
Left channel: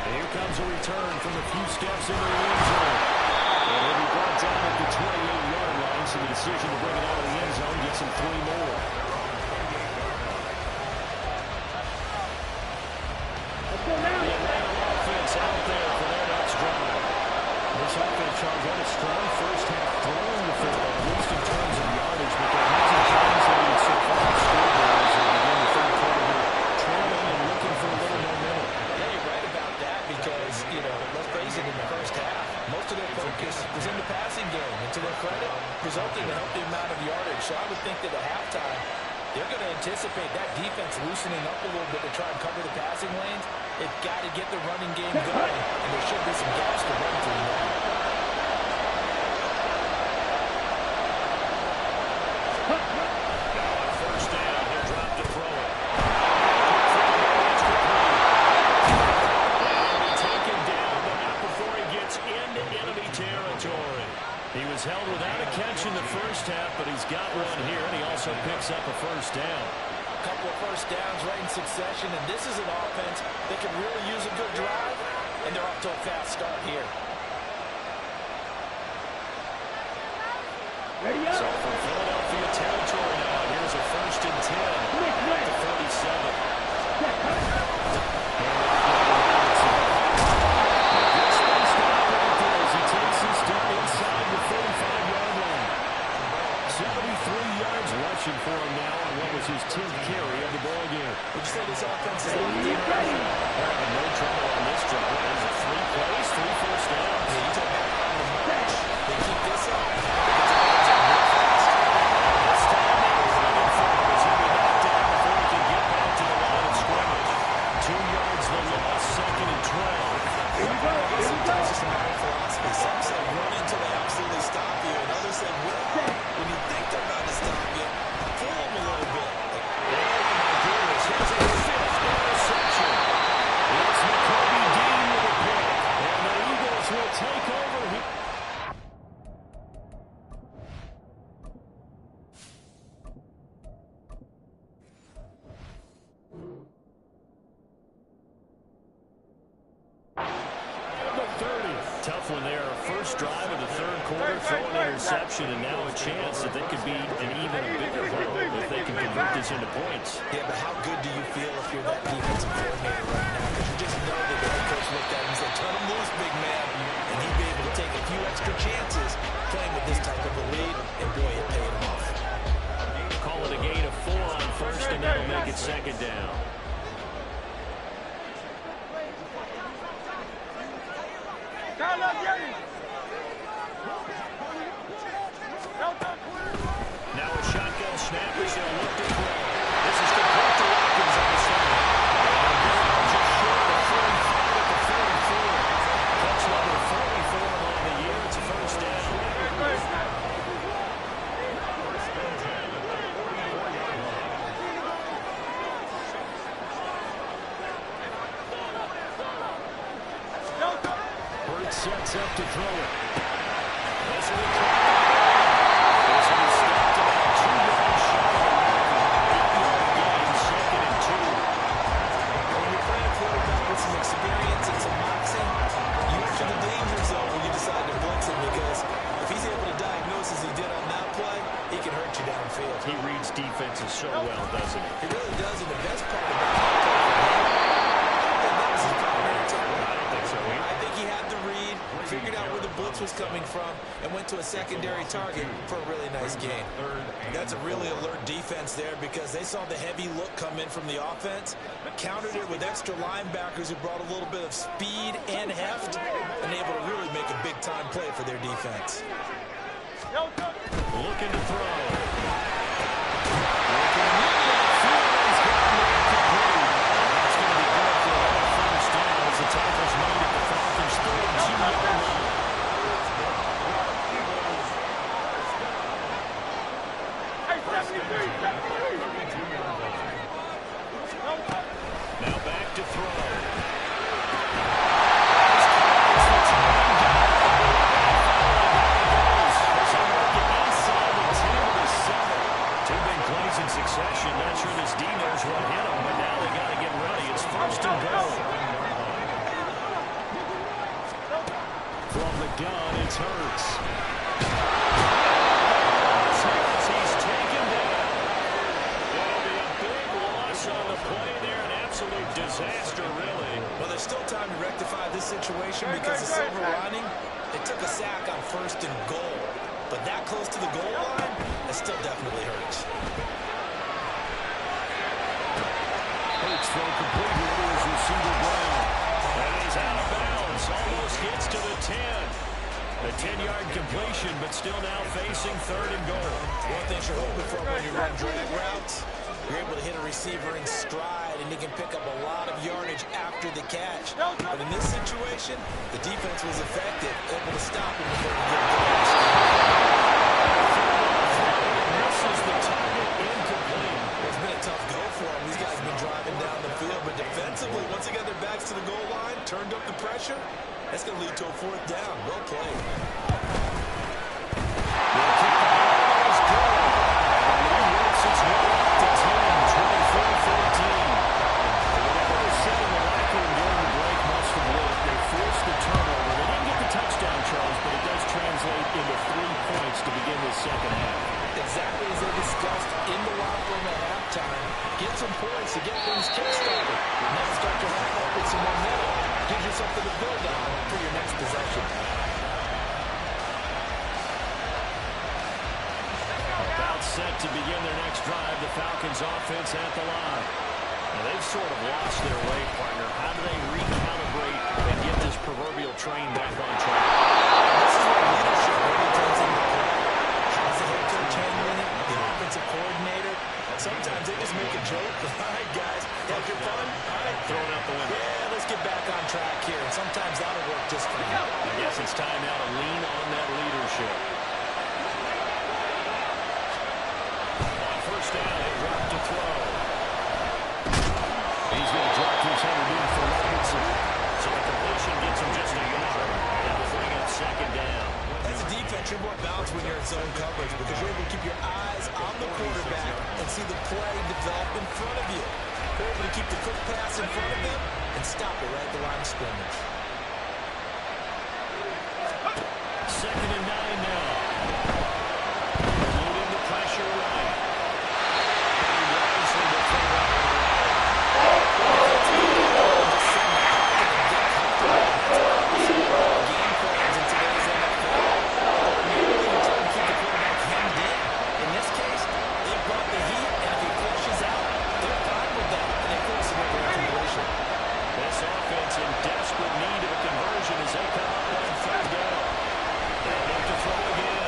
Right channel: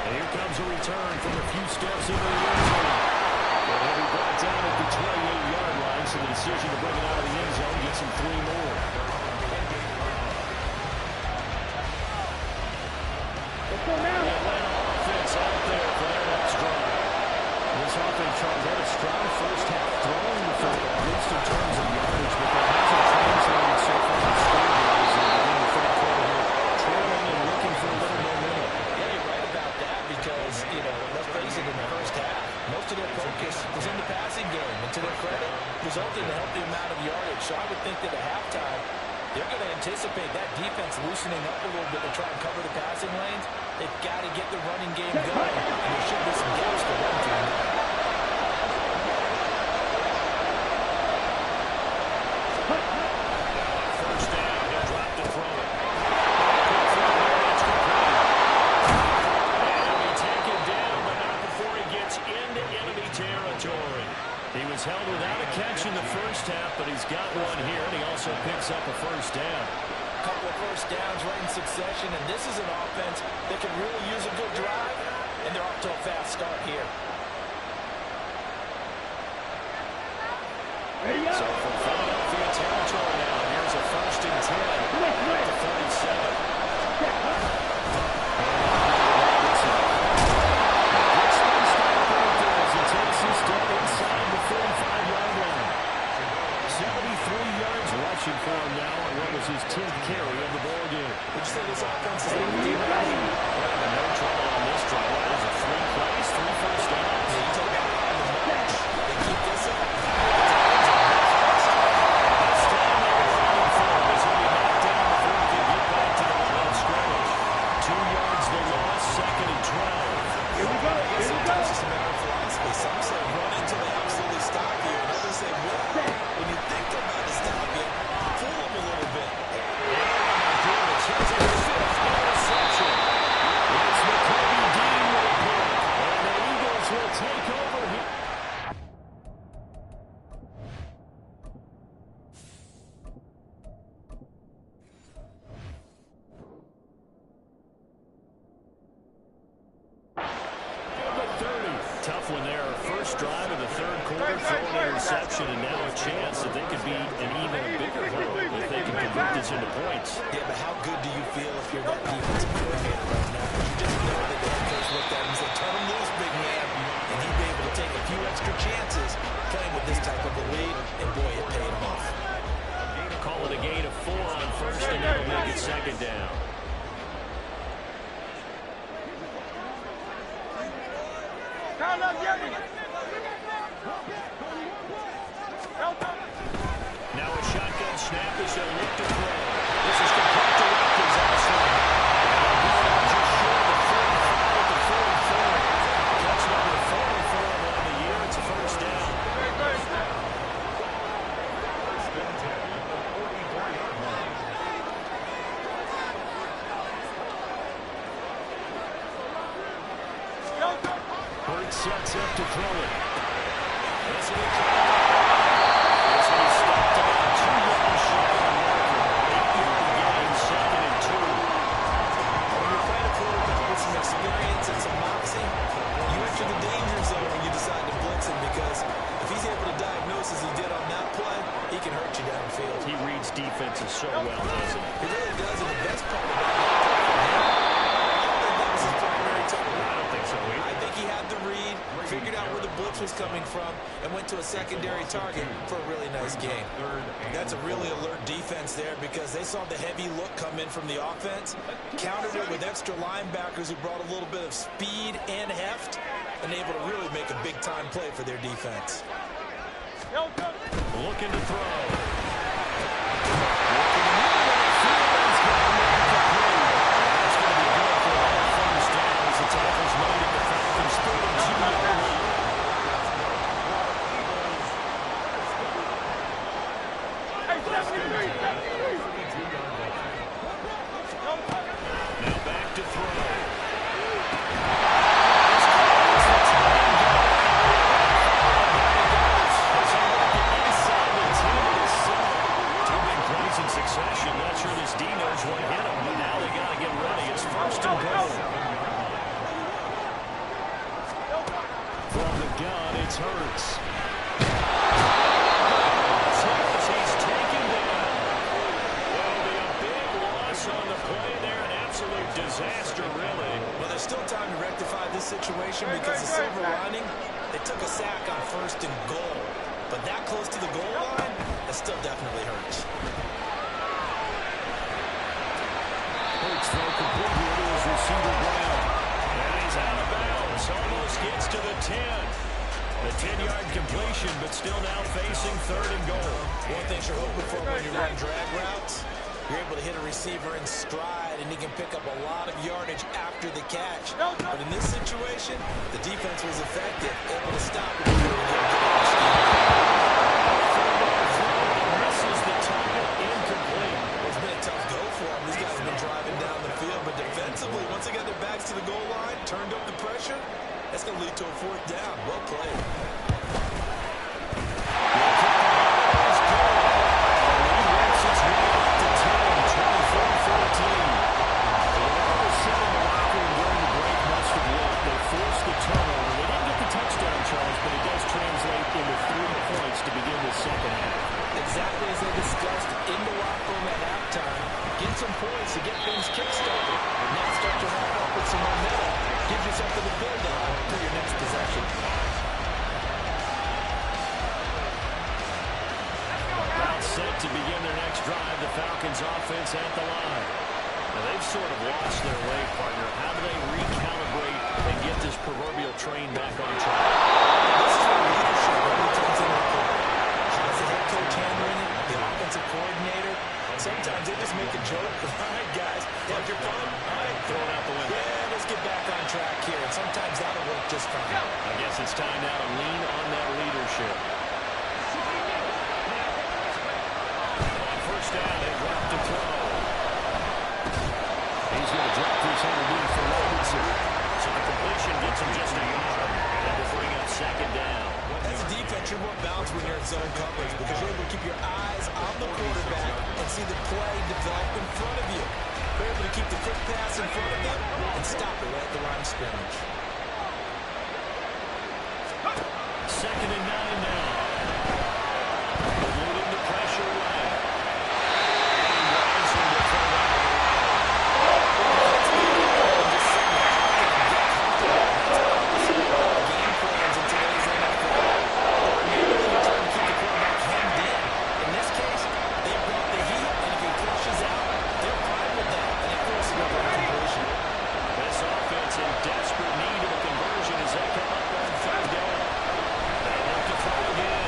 And here comes a return from a few steps into the end zone. And he'll be brought down at the 28-yard line, so the decision to bring it out of the end zone gets him 3 more. The Atlanta offense out there for their next drive. This offense, Charles, had a strong first half throwing the football, at least in terms of yardage, but that hasn't translated so far on scoreboard as they begin the third quarter here, trailing and looking for a little momentum. Yeah, you're right about that because, let's face it, in the first half, most of their focus was in the passing game, and to their credit, resulted in a healthy amount of yardage. So I would think that at halftime, they're going to anticipate that defense loosening up a little bit to try and cover the passing lanes. They've got to get the running game going, and there should be some gaps to run through now. Now on first down, he'll drop to throw it. Quick throw there, that's complete. And he'll be taken down, but not before he gets into enemy territory. He was held without a catch in the first half, but he's got one here, and he also picks up a first down. A couple of first downs right in succession, and this is an offense that can really use a good drive, and they're off to a fast start here. Ready up. So from Philadelphia territory now, here's a 1st and 10 at the 37. Good space to operate there as he takes this down inside the 35-yard line. 73 yards rushing for him now on what was his 10th carry of the ball game. Would you say this offense is locked in? They're having no trouble on this drive. What is it, 3 plays, 3 first downs? Yeah, you talk about on the march. They keep this up. Some say run until they absolutely stop you, and others say, well, when you think they're about to stop you, fool them a little bit. Oh, my goodness. Here's a fifth interception. It's McCoby Dean with a pick. And the Eagles will take over here. Tough one there. First drive of the third quarter, throw an interception, and now a chance that they could be an even bigger hurdle if they can convert this into points. Yeah, but how good do you feel if you're that defensive coordinator right now? Because you just know that the head coach looked at him and said, turn him loose, big man. And he'd be able to take a few extra chances playing with this type of a lead, and boy, it paid him off. Call it a gain of 4 on first, and that'll make it second down. Now a shotgun snap as he'll look to throw. This is complete to Watkins on the side. And a ball just short of the 45 at the 44. Catch number 44 on the year. It's a first down. First and 10 at the 44-yard line. Burt sets up to throw it. This will be This will be stopped about 2 yards shy of the marker. 8-yard gain, second and 2. When you're playing a quarterback with some experience and some moxie, you enter the danger zone when you decide to blitz him, because if he's able to diagnose as he did on that play, he can hurt you downfield. He reads defenses so well, doesn't he? He really does, and the best part about that play from him, I don't think that was his primary target. I don't think so either. I think he had the read, figured out where the blitz was coming from, and went to a secondary target for a really nice gain. That's a really alert defense there, because they saw the heavy look come in from the offense, countered it with extra linebackers who brought a little bit of speed and heft, and able to really make a big-time play for their defense. Looking to throw. Looking to move to the field. He's got a man complete. That's going to be good for another first down as the tackle's made at the Falcons' 32-yard line. Now back to throw. In succession, not sure this D knows what hit him, but now they got to get ready. It's first and goal. From the gun, it's Hurts. He's taken down. It'll be a big loss on the play there. An absolute disaster, really. Well, there's still time to rectify this situation, because the silver lining, they took a sack on first and goal. But that close to the goal line, that still definitely hurts. Hurts throw complete here to his receiver Brown. And he's out of bounds. Almost gets to the 10. A 10-yard completion, but still now facing third and goal. One thing you're hoping for when you run drag routes, you're able to hit a receiver in stride, and he can pick up a lot of yardage after the catch. But in this situation, the defense was effective, able to stop him before he get a good understanding. Misses the target, incomplete. Well, it's been a tough go for him. These guys have been driving down the field, but defensively, once they got their backs to the goal line, turned up the pressure, that's going to lead to a fourth down. Well played. Well, kick the ball is good. And the lead works its way up to 10, 24-14. Whatever was said in the locker room during the break must have worked. They forced the turnover. They didn't get the touchdown, Charles, but it does translate into 3 points to begin this second half. Exactly as they discussed in the locker room at halftime. Get some points to get things kick-started. Now start your half up with some momentum. Gives you something to build on for your next possession. About set to begin their next drive. The Falcons offense at the line. Now they've sort of lost their way, partner. How do they recalibrate and get this proverbial train back on track? This is where leadership really turns into play. How's the head coach handling it? The offensive coordinator? Sometimes they just make a joke. All right, guys, have your fun. All right. Throw it out the window. Yeah, let's get back on track here, and sometimes that'll work just fine. I guess it's time now to lean on that leadership. On first down, they drop to throw. He's going to drop this underneath for Robinson. So the completion gets him just a yard, and it will bring up second down. As a defense, you're more balanced when you're in zone coverage because you're able to keep your eyes on the quarterback and see the play develop in front of you. They're able to keep the quick pass in front of them and stop it right at the line of scrimmage. Second and 9 now. Eluding the pressure away. And Robinson to throw that one away. Game plans in today's NFL. Ordinarily, you're trying to keep the quarterback hemmed in. In this case, they brought the heat, and if he flushes out, they're fine with that, and they force another incompletion. This offense in desperate need of a conversion as they come up on third down. They look to throw again.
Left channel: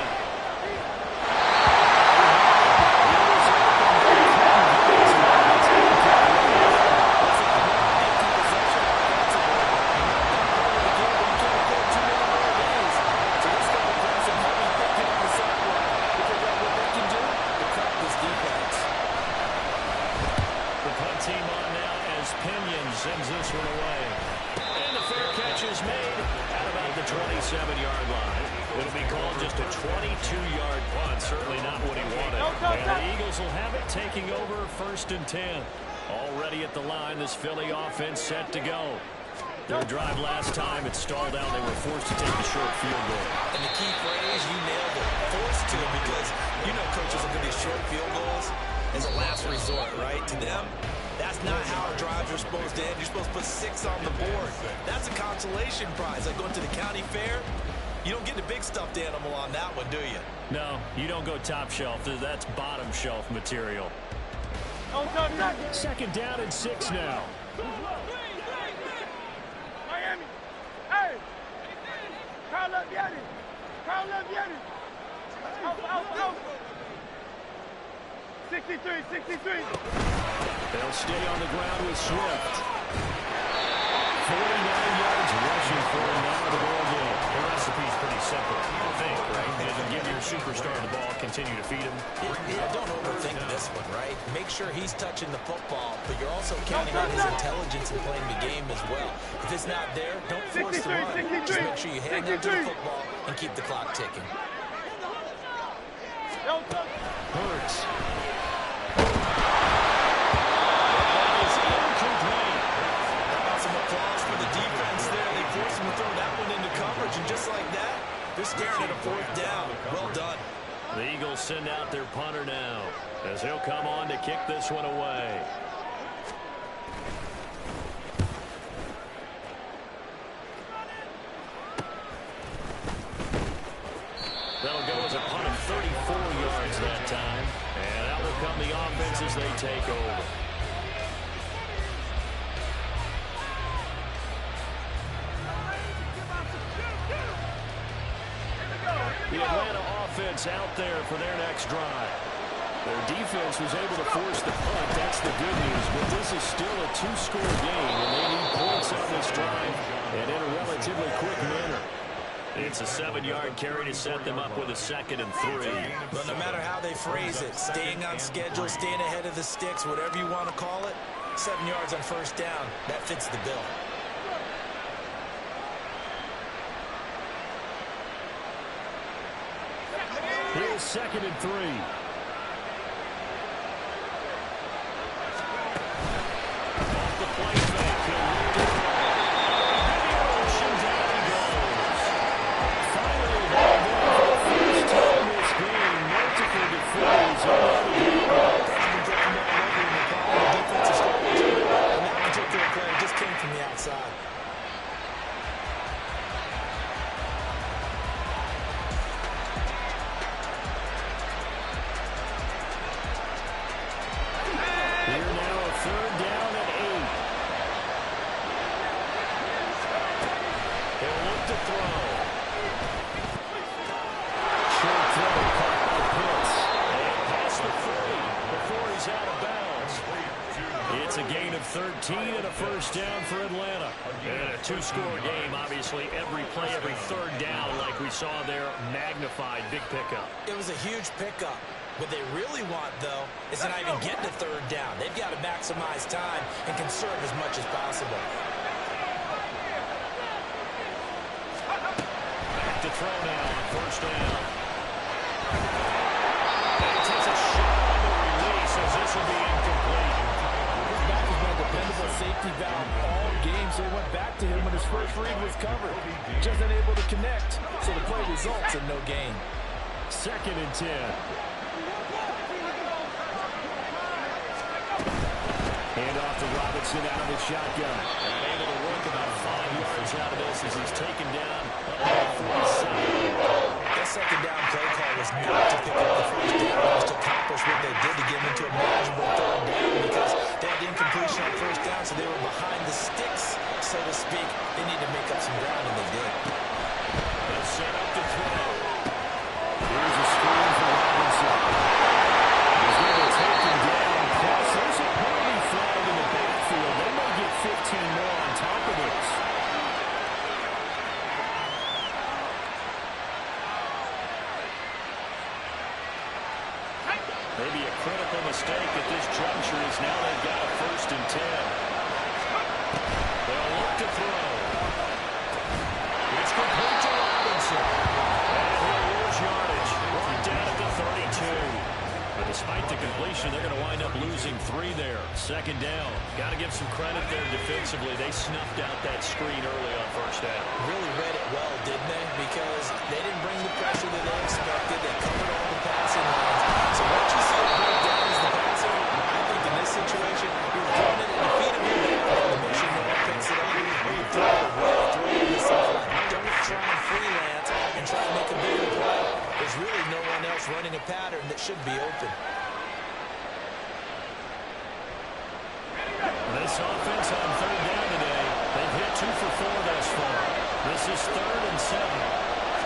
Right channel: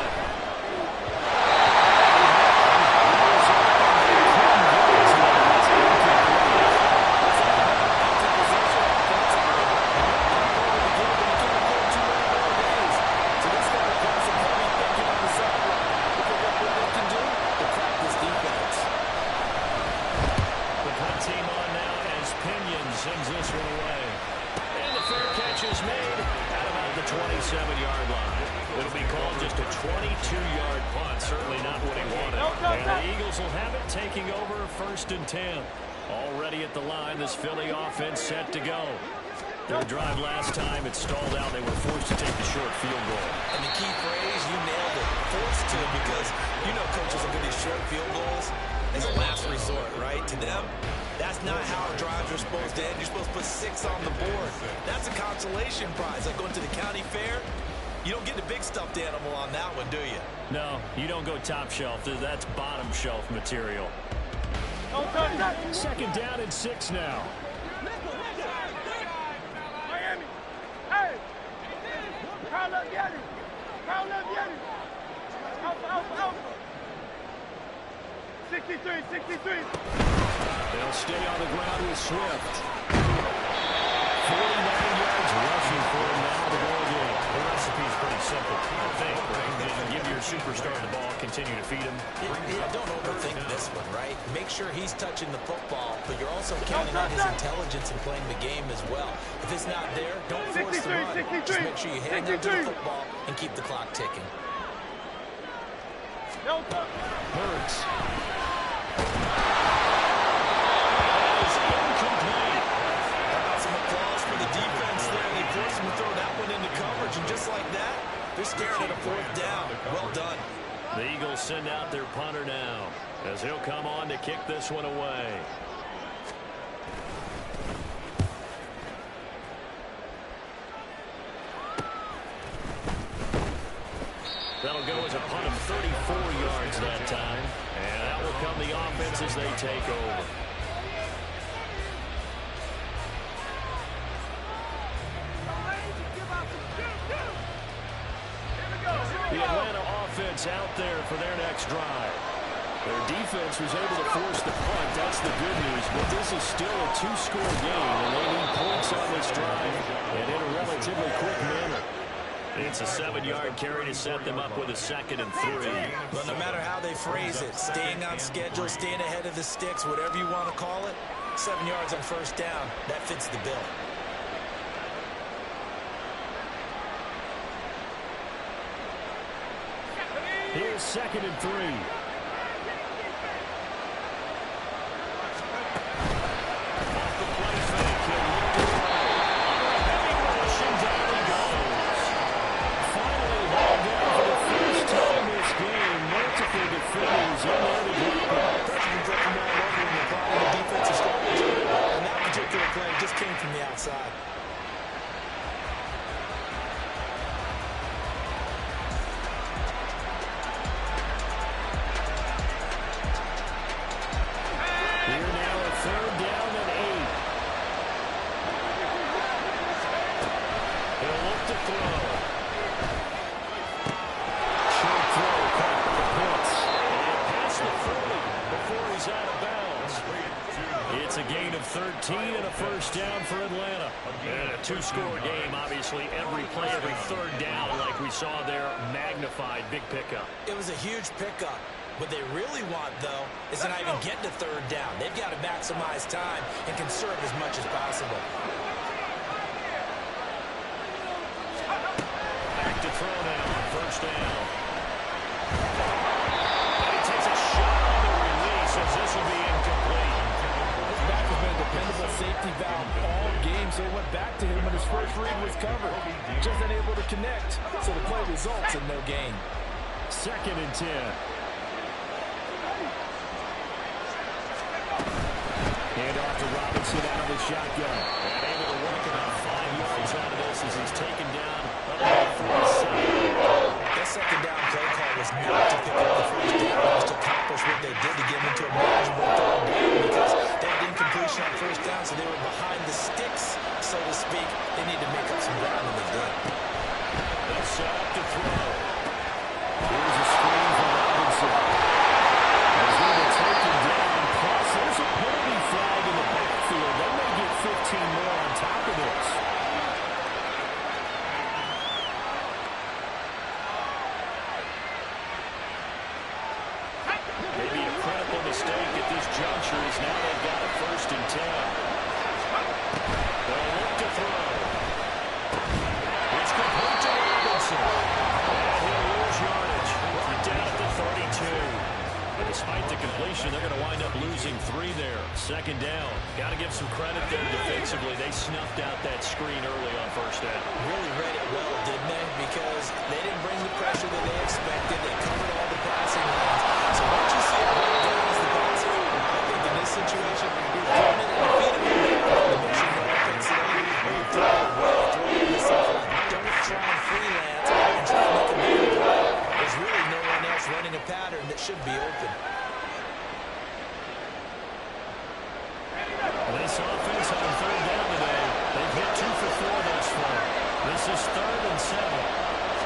Team on now as Pinion sends this one away. And the fair catch is made at about the 27-yard line. It'll be called just a 22-yard punt. Certainly not what he wanted. And the Eagles will have it taking over first and 10. Already at the line, this Philly offense set to go. Their drive last time, it stalled out. They were forced to take the short field goal. And the key phrase, you nailed it. Forced to, because you know coaches look at these short field goals as a last resort, right? To them, that's not how our drives are supposed to end. You're supposed to put 6 on the board. That's a consolation prize. Like going to the county fair, you don't get the big stuffed animal on that one, do you? No, you don't go top shelf. That's bottom shelf material. Second down and 6 now. Miami. Hey. Carl up, Yanni. Carl up, Yanni. Alpha. 63. They'll stay on the ground with Swift. 49 yards rushing for him now in the ball game. The recipe's pretty simple, I think, right? Just give your superstar the ball, continue to feed him. Yeah, don't overthink this one, right? Make sure he's touching the football, but you're also counting on his intelligence in playing the game as well. If it's not there, don't force the run. Just make sure you hang on to the football and keep the clock ticking. Hurts. That is incomplete. How about some applause for the defense there? They forced him to throw that one into coverage, and just like that, they're staring at a fourth down. Well done. The Eagles send out their punter now as he'll come on to kick this one away. That'll go as a punt of 34 yards that time. And that will come the offense as they take over. The Atlanta offense out there for their next drive. Their defense was able to force the punt. That's the good news. But this is still a 2-score game, and they need points on this drive and in a relatively quick manner. It's a 7-yard carry to set them up with a 2nd and 3. But no matter how they phrase it, staying on schedule, staying ahead of the sticks, whatever you want to call it, 7 yards on first down, that fits the bill. Here's 2nd and 3. Off the play fake, he'll look to throw. Oh, a heavy rush, and down he goes. Finally hauled in for the first time this game. Multiple defenders in there to help. President dropping all over him and following the defensive strategy. And that particular play just came from the outside. Here now a 3rd down and 8. He'll look to throw. Short throw caught by Pitts. And past the 40 before he's out of bounds. It's That's a gain of 13 and a first down for Atlanta. And a two-score game, obviously. Every play, every third down, like we saw there, magnified. Big pickup. It was a huge pickup. What they really want, though, is to not even get to third down. They've got to maximize time and conserve as much as possible. Back to throw now on first down. And he takes a shot on the release as this will be incomplete. His back has been a dependable safety valve all game, so he went back to him when his first read was covered. Just unable to connect, so the play results in no gain. 2nd and 10. Hand off to Robinson out of the shotgun. And able to work about 5 yards out of this as he's taken down up to the 47. That second down play call was not to pick up the first down. It was to accomplish what they did to get them into a manageable third down because they had incompletion on first down, so they were behind the sticks, so to speak. They need to make up some ground, and they did. They'll set up to throw. Here's a screen for Robinson. He's going to be taken down. Plus, there's a penalty flag in the backfield. They may get 15 more on top of this. Maybe a critical mistake at this juncture is now they've got a 1st and 10. They'll look to throw. It's complete to Robinson. And he'll lose yardage. Brought down at the 32. But despite the completion, they're going to wind up losing 3 there. 2nd down. Got to give some credit there defensively. They snuffed out that screen early on first down. Really read it well, didn't they? Because they didn't bring the pressure that they expected. They covered all the passing lanes. So once you see it break down as the passer, I think in this situation, you're throwing it and feeding it down to make sure no one picks it up. Or you throw it away, throw it in the sideline. Don't try and freelance and try to make a bigger play. There's really no one else running a pattern that should be open. This offense on 3rd down today, they've hit 2 for 4 thus far. This is 3rd and 7.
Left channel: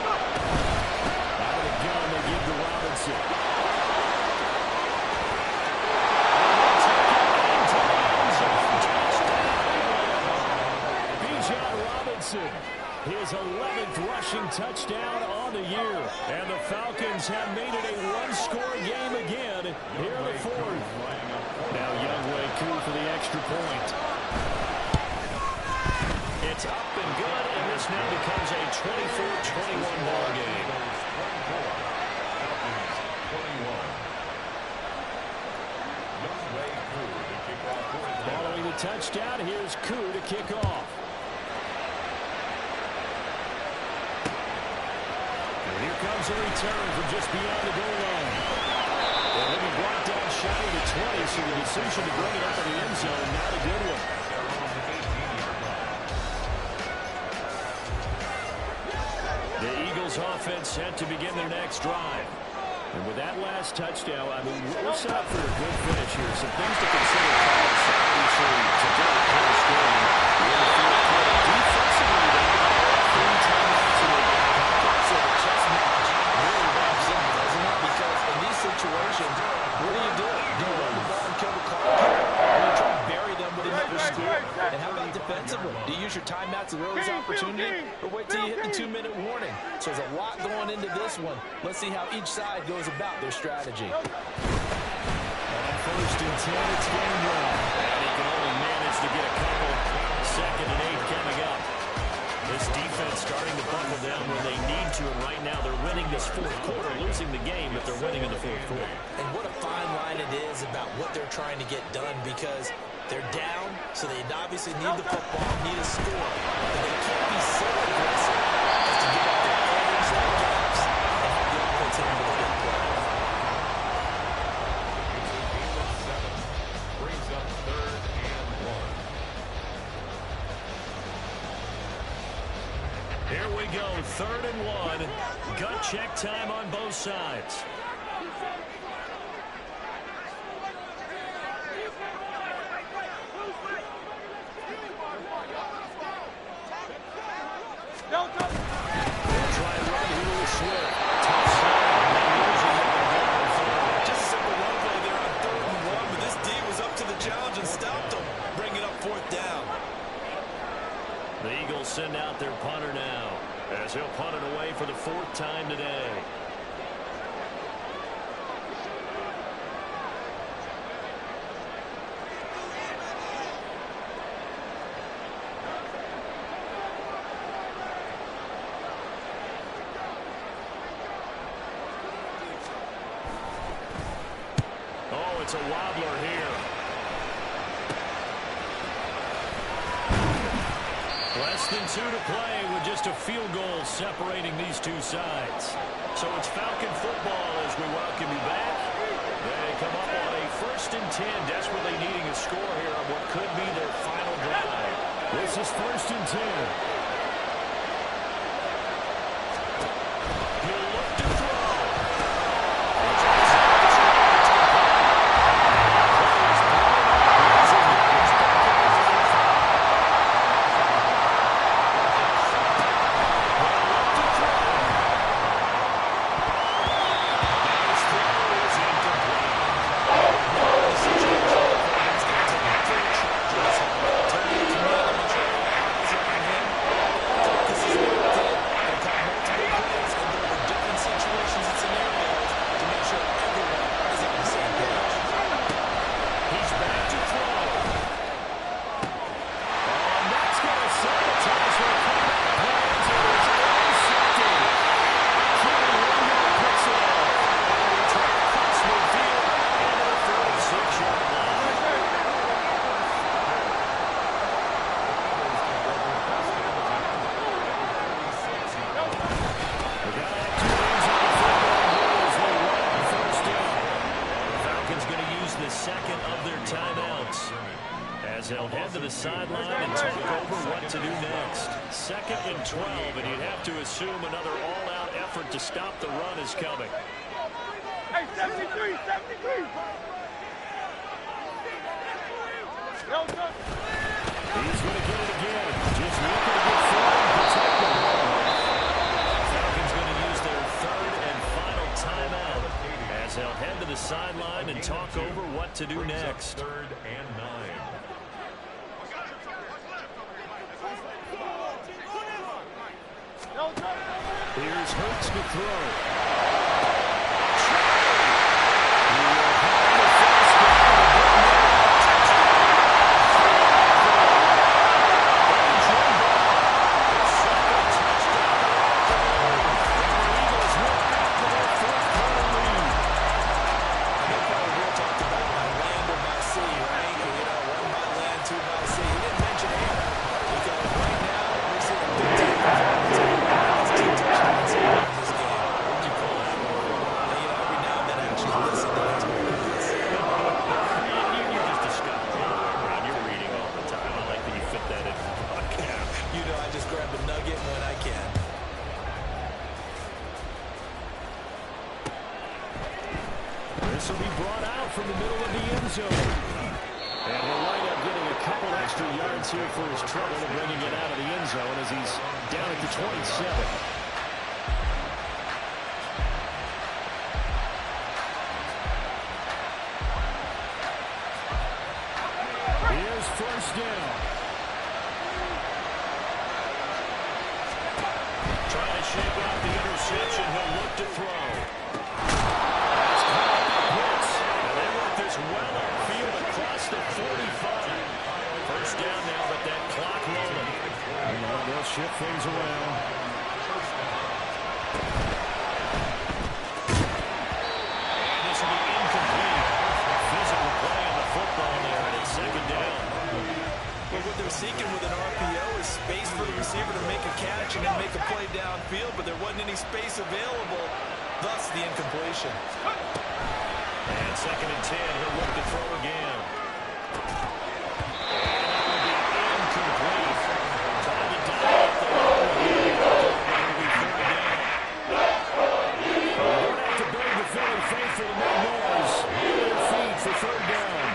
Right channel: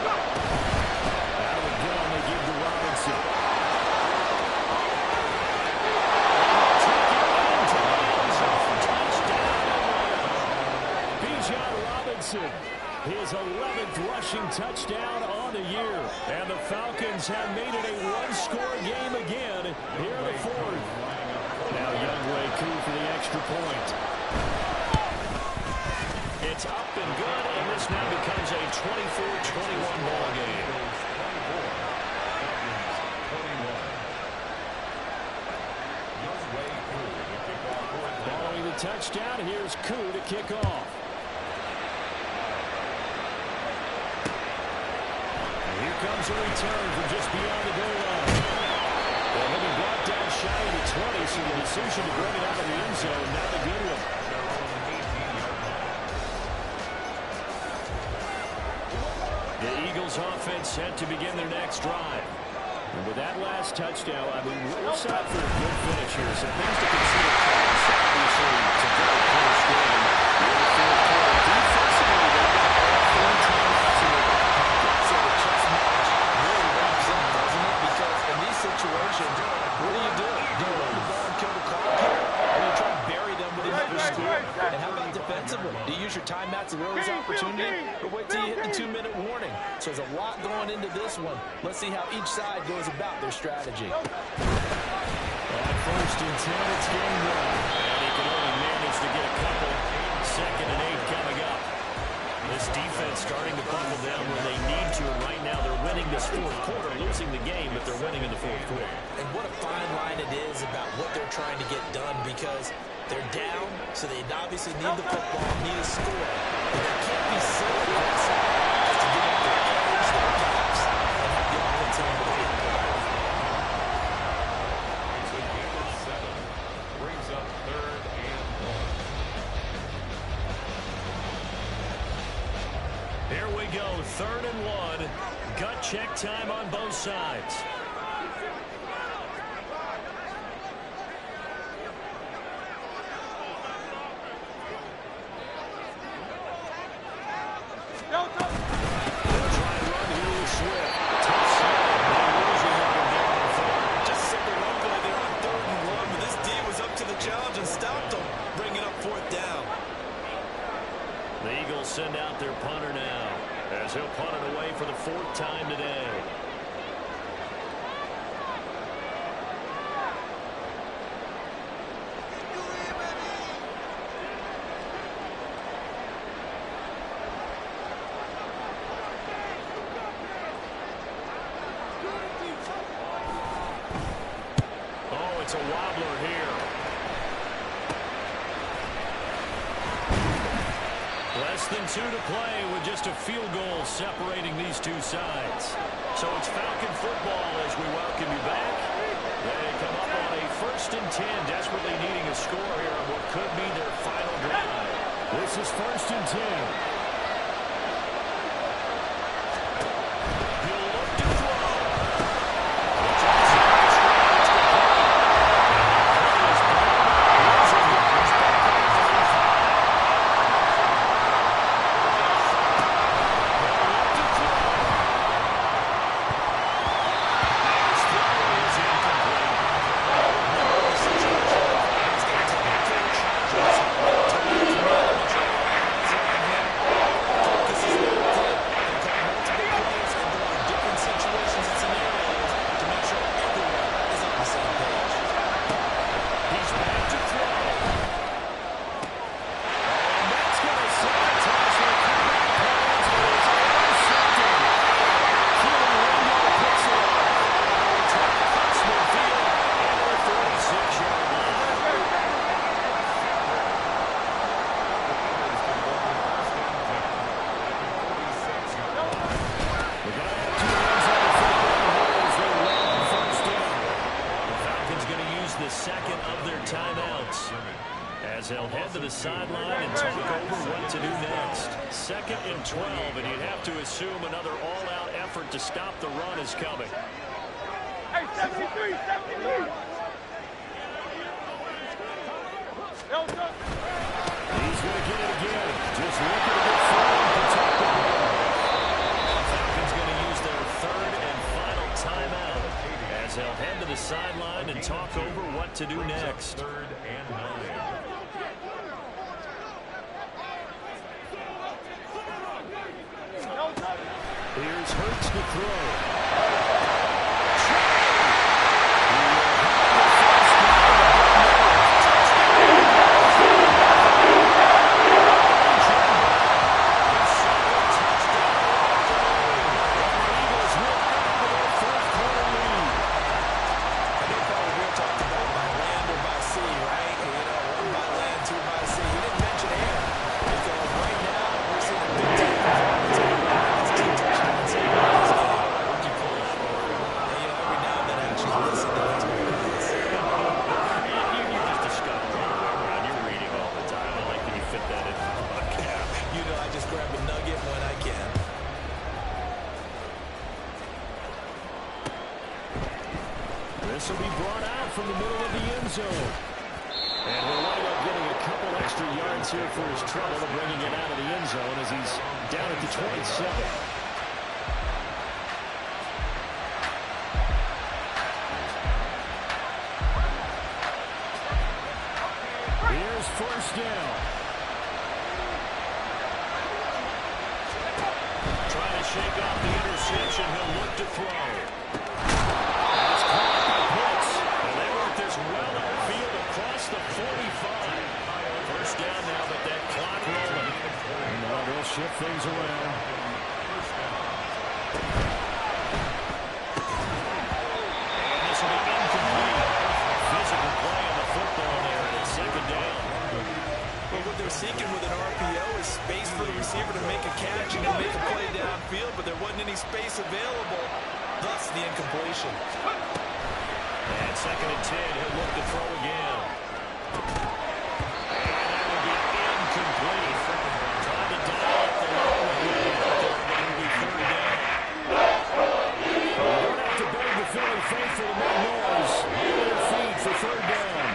Out of the gun, they give to Robinson. And they'll take it into the end zone. Touchdown, Atlanta. Bijan Robinson. His 11th rushing touchdown on the year. And the Falcons have made it a one-score game again here in the 4th. Now wk16 for the extra point. It's up and good, and this now becomes a 24-21 ball game. Following the touchdown, here's Koo to kick off. And here comes a return from just beyond the goal line. And he'll be brought down shy of the 20, so the decision to bring it out of the end zone, not a good one. The Eagles offense set to begin their next drive. And with that last touchdown, I mean, we're set up for a good finish here. Some things to consider, Carlos. Obviously, it's a very close game. We're in the 4th quarter. Defensively, they've got all 3 timeouts in their back pocket. So the chess match really wraps up, doesn't it? Because in these situations, what do? Do you run the ball and kill the clock here? Or do you try to bury them with another score? And how about defensively? Do you use your timeouts to early opportunity, or wait till you hit the 2-minute warning? So there's a lot going into this one. Let's see how each side goes about their strategy. On 1st and 10, it's game 1. And he can only manage to get a couple. 2nd and 8 coming up. This defense starting to buckle down when they need to, and right now they're winning this 4th quarter, losing the game, but they're winning in the 4th quarter. And what a fine line it is about what they're trying to get done, because they're down, so they obviously need the football, need a score, but they can't be so aggressive as to give up their edge, their gaps, and have the offense handle the play. It's a game of 7. Brings up 3rd and 1. Here we go, 3rd and 1. Gut check time on both sides. They'll try and run here with Swift. Tough snap. They lose a yard there on 3rd. Just a simple run play there on 3rd and 1, but this D was up to the challenge and stopped him, bringing up 4th down. The Eagles send out their punter now, as he'll punt it away for the 4th time today. Oh, it's a wobbler here. Less than 2 to play with just a field goal separating these two sides. So it's Falcon football as we welcome you back. They come up on a 1st and 10, desperately needing a score here on what could be their final drive. This is 1st and 10. He'll look to throw. It's outside the screen. It's complete. And the play is blown up. Here's a yards back at the 35. They'll look to throw. And his throw is incomplete. The situation, he's going to take full charge of this one. Tony Camille, make sure all eyes are on him. Focus is locked in. They call multiple plays and go over different situations and scenarios to make sure everyone is on the same page. He's back to throw. Oh, and that's going to sabotage their comeback plans. It is intercepted. Keely Ringo picks it off. And a return across midfield into the 46-yard line. We got to have 2 hands on the football here as they run on 1st down. The Falcons going to use the 2nd of their timeouts as they'll head to the sideline and talk over what to do next. 2nd and 12, and you'd have to assume another all-out effort to stop the run is coming. Hey, 73, 73. Yo, son. He's going to get it again. Just looking to get forward and protect the ball. Falcons going to use their 3rd and final timeout as they'll head to the sideline and talk over what to do next. 3rd and 9. Yo, son. Here's Hurts to throw. This will be brought out from the middle of the end zone. And he'll wind up getting a couple extra yards here for his trouble and bringing it out of the end zone as he's down at the 27. Here's 1st down. Trying to shake off the interception. He'll look to throw. That's caught by Pitts. And they work this well upfield across the 45. 1st down now, but that clock rolling. And now they'll shift things around. And this will be incomplete. Physical play on the football there, and it's 2nd down. But what they're seeking with an RPO is space for the receiver to make a catch and then make a play downfield, but there wasn't any space available, thus the incompletion. And 2nd and 10, he'll look to throw again. And that will be incomplete. Trying to dial up the low again. That will be 3rd down. We're going to have to beg the Philly faithful to make noise. On their feet for 3rd down.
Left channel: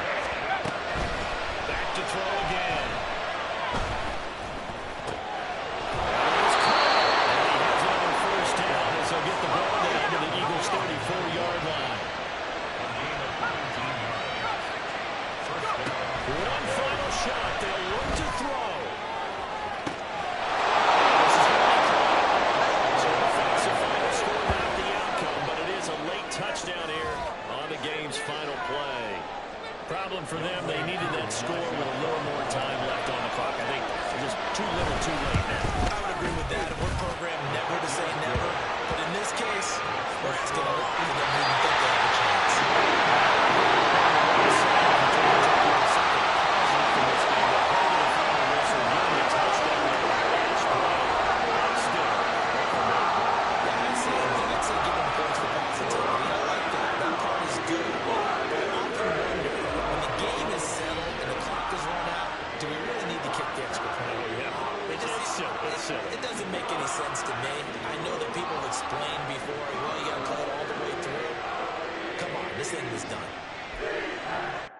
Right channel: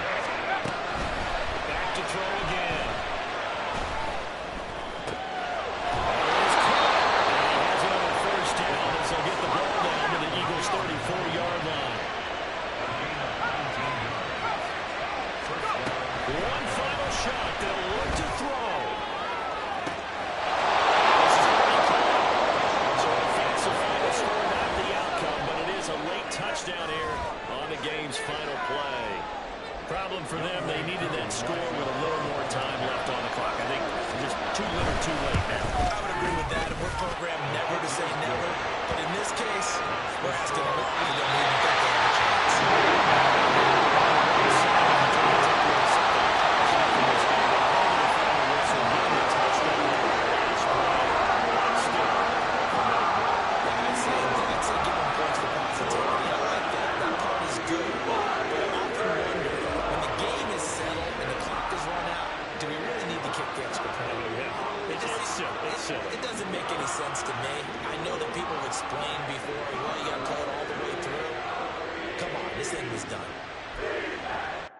Back to throw again. That is caught. And he has another 1st down as they'll get the ball down to the Eagles' 34-yard line. A gain of 19 yards. 1st down. One final shot. They'll look to throw. Score, not the outcome, but it is a late touchdown here on the game's final play. Problem for them, they needed that score with a little more time left on the clock. I think just too little, too late now. I would agree with that. We're programmed never to say never, but in this case, we're asking them to even think they have a chance. It doesn't make any sense to me. I know that people have explained before, well, you got to play it all the way through. Come on, this thing was done.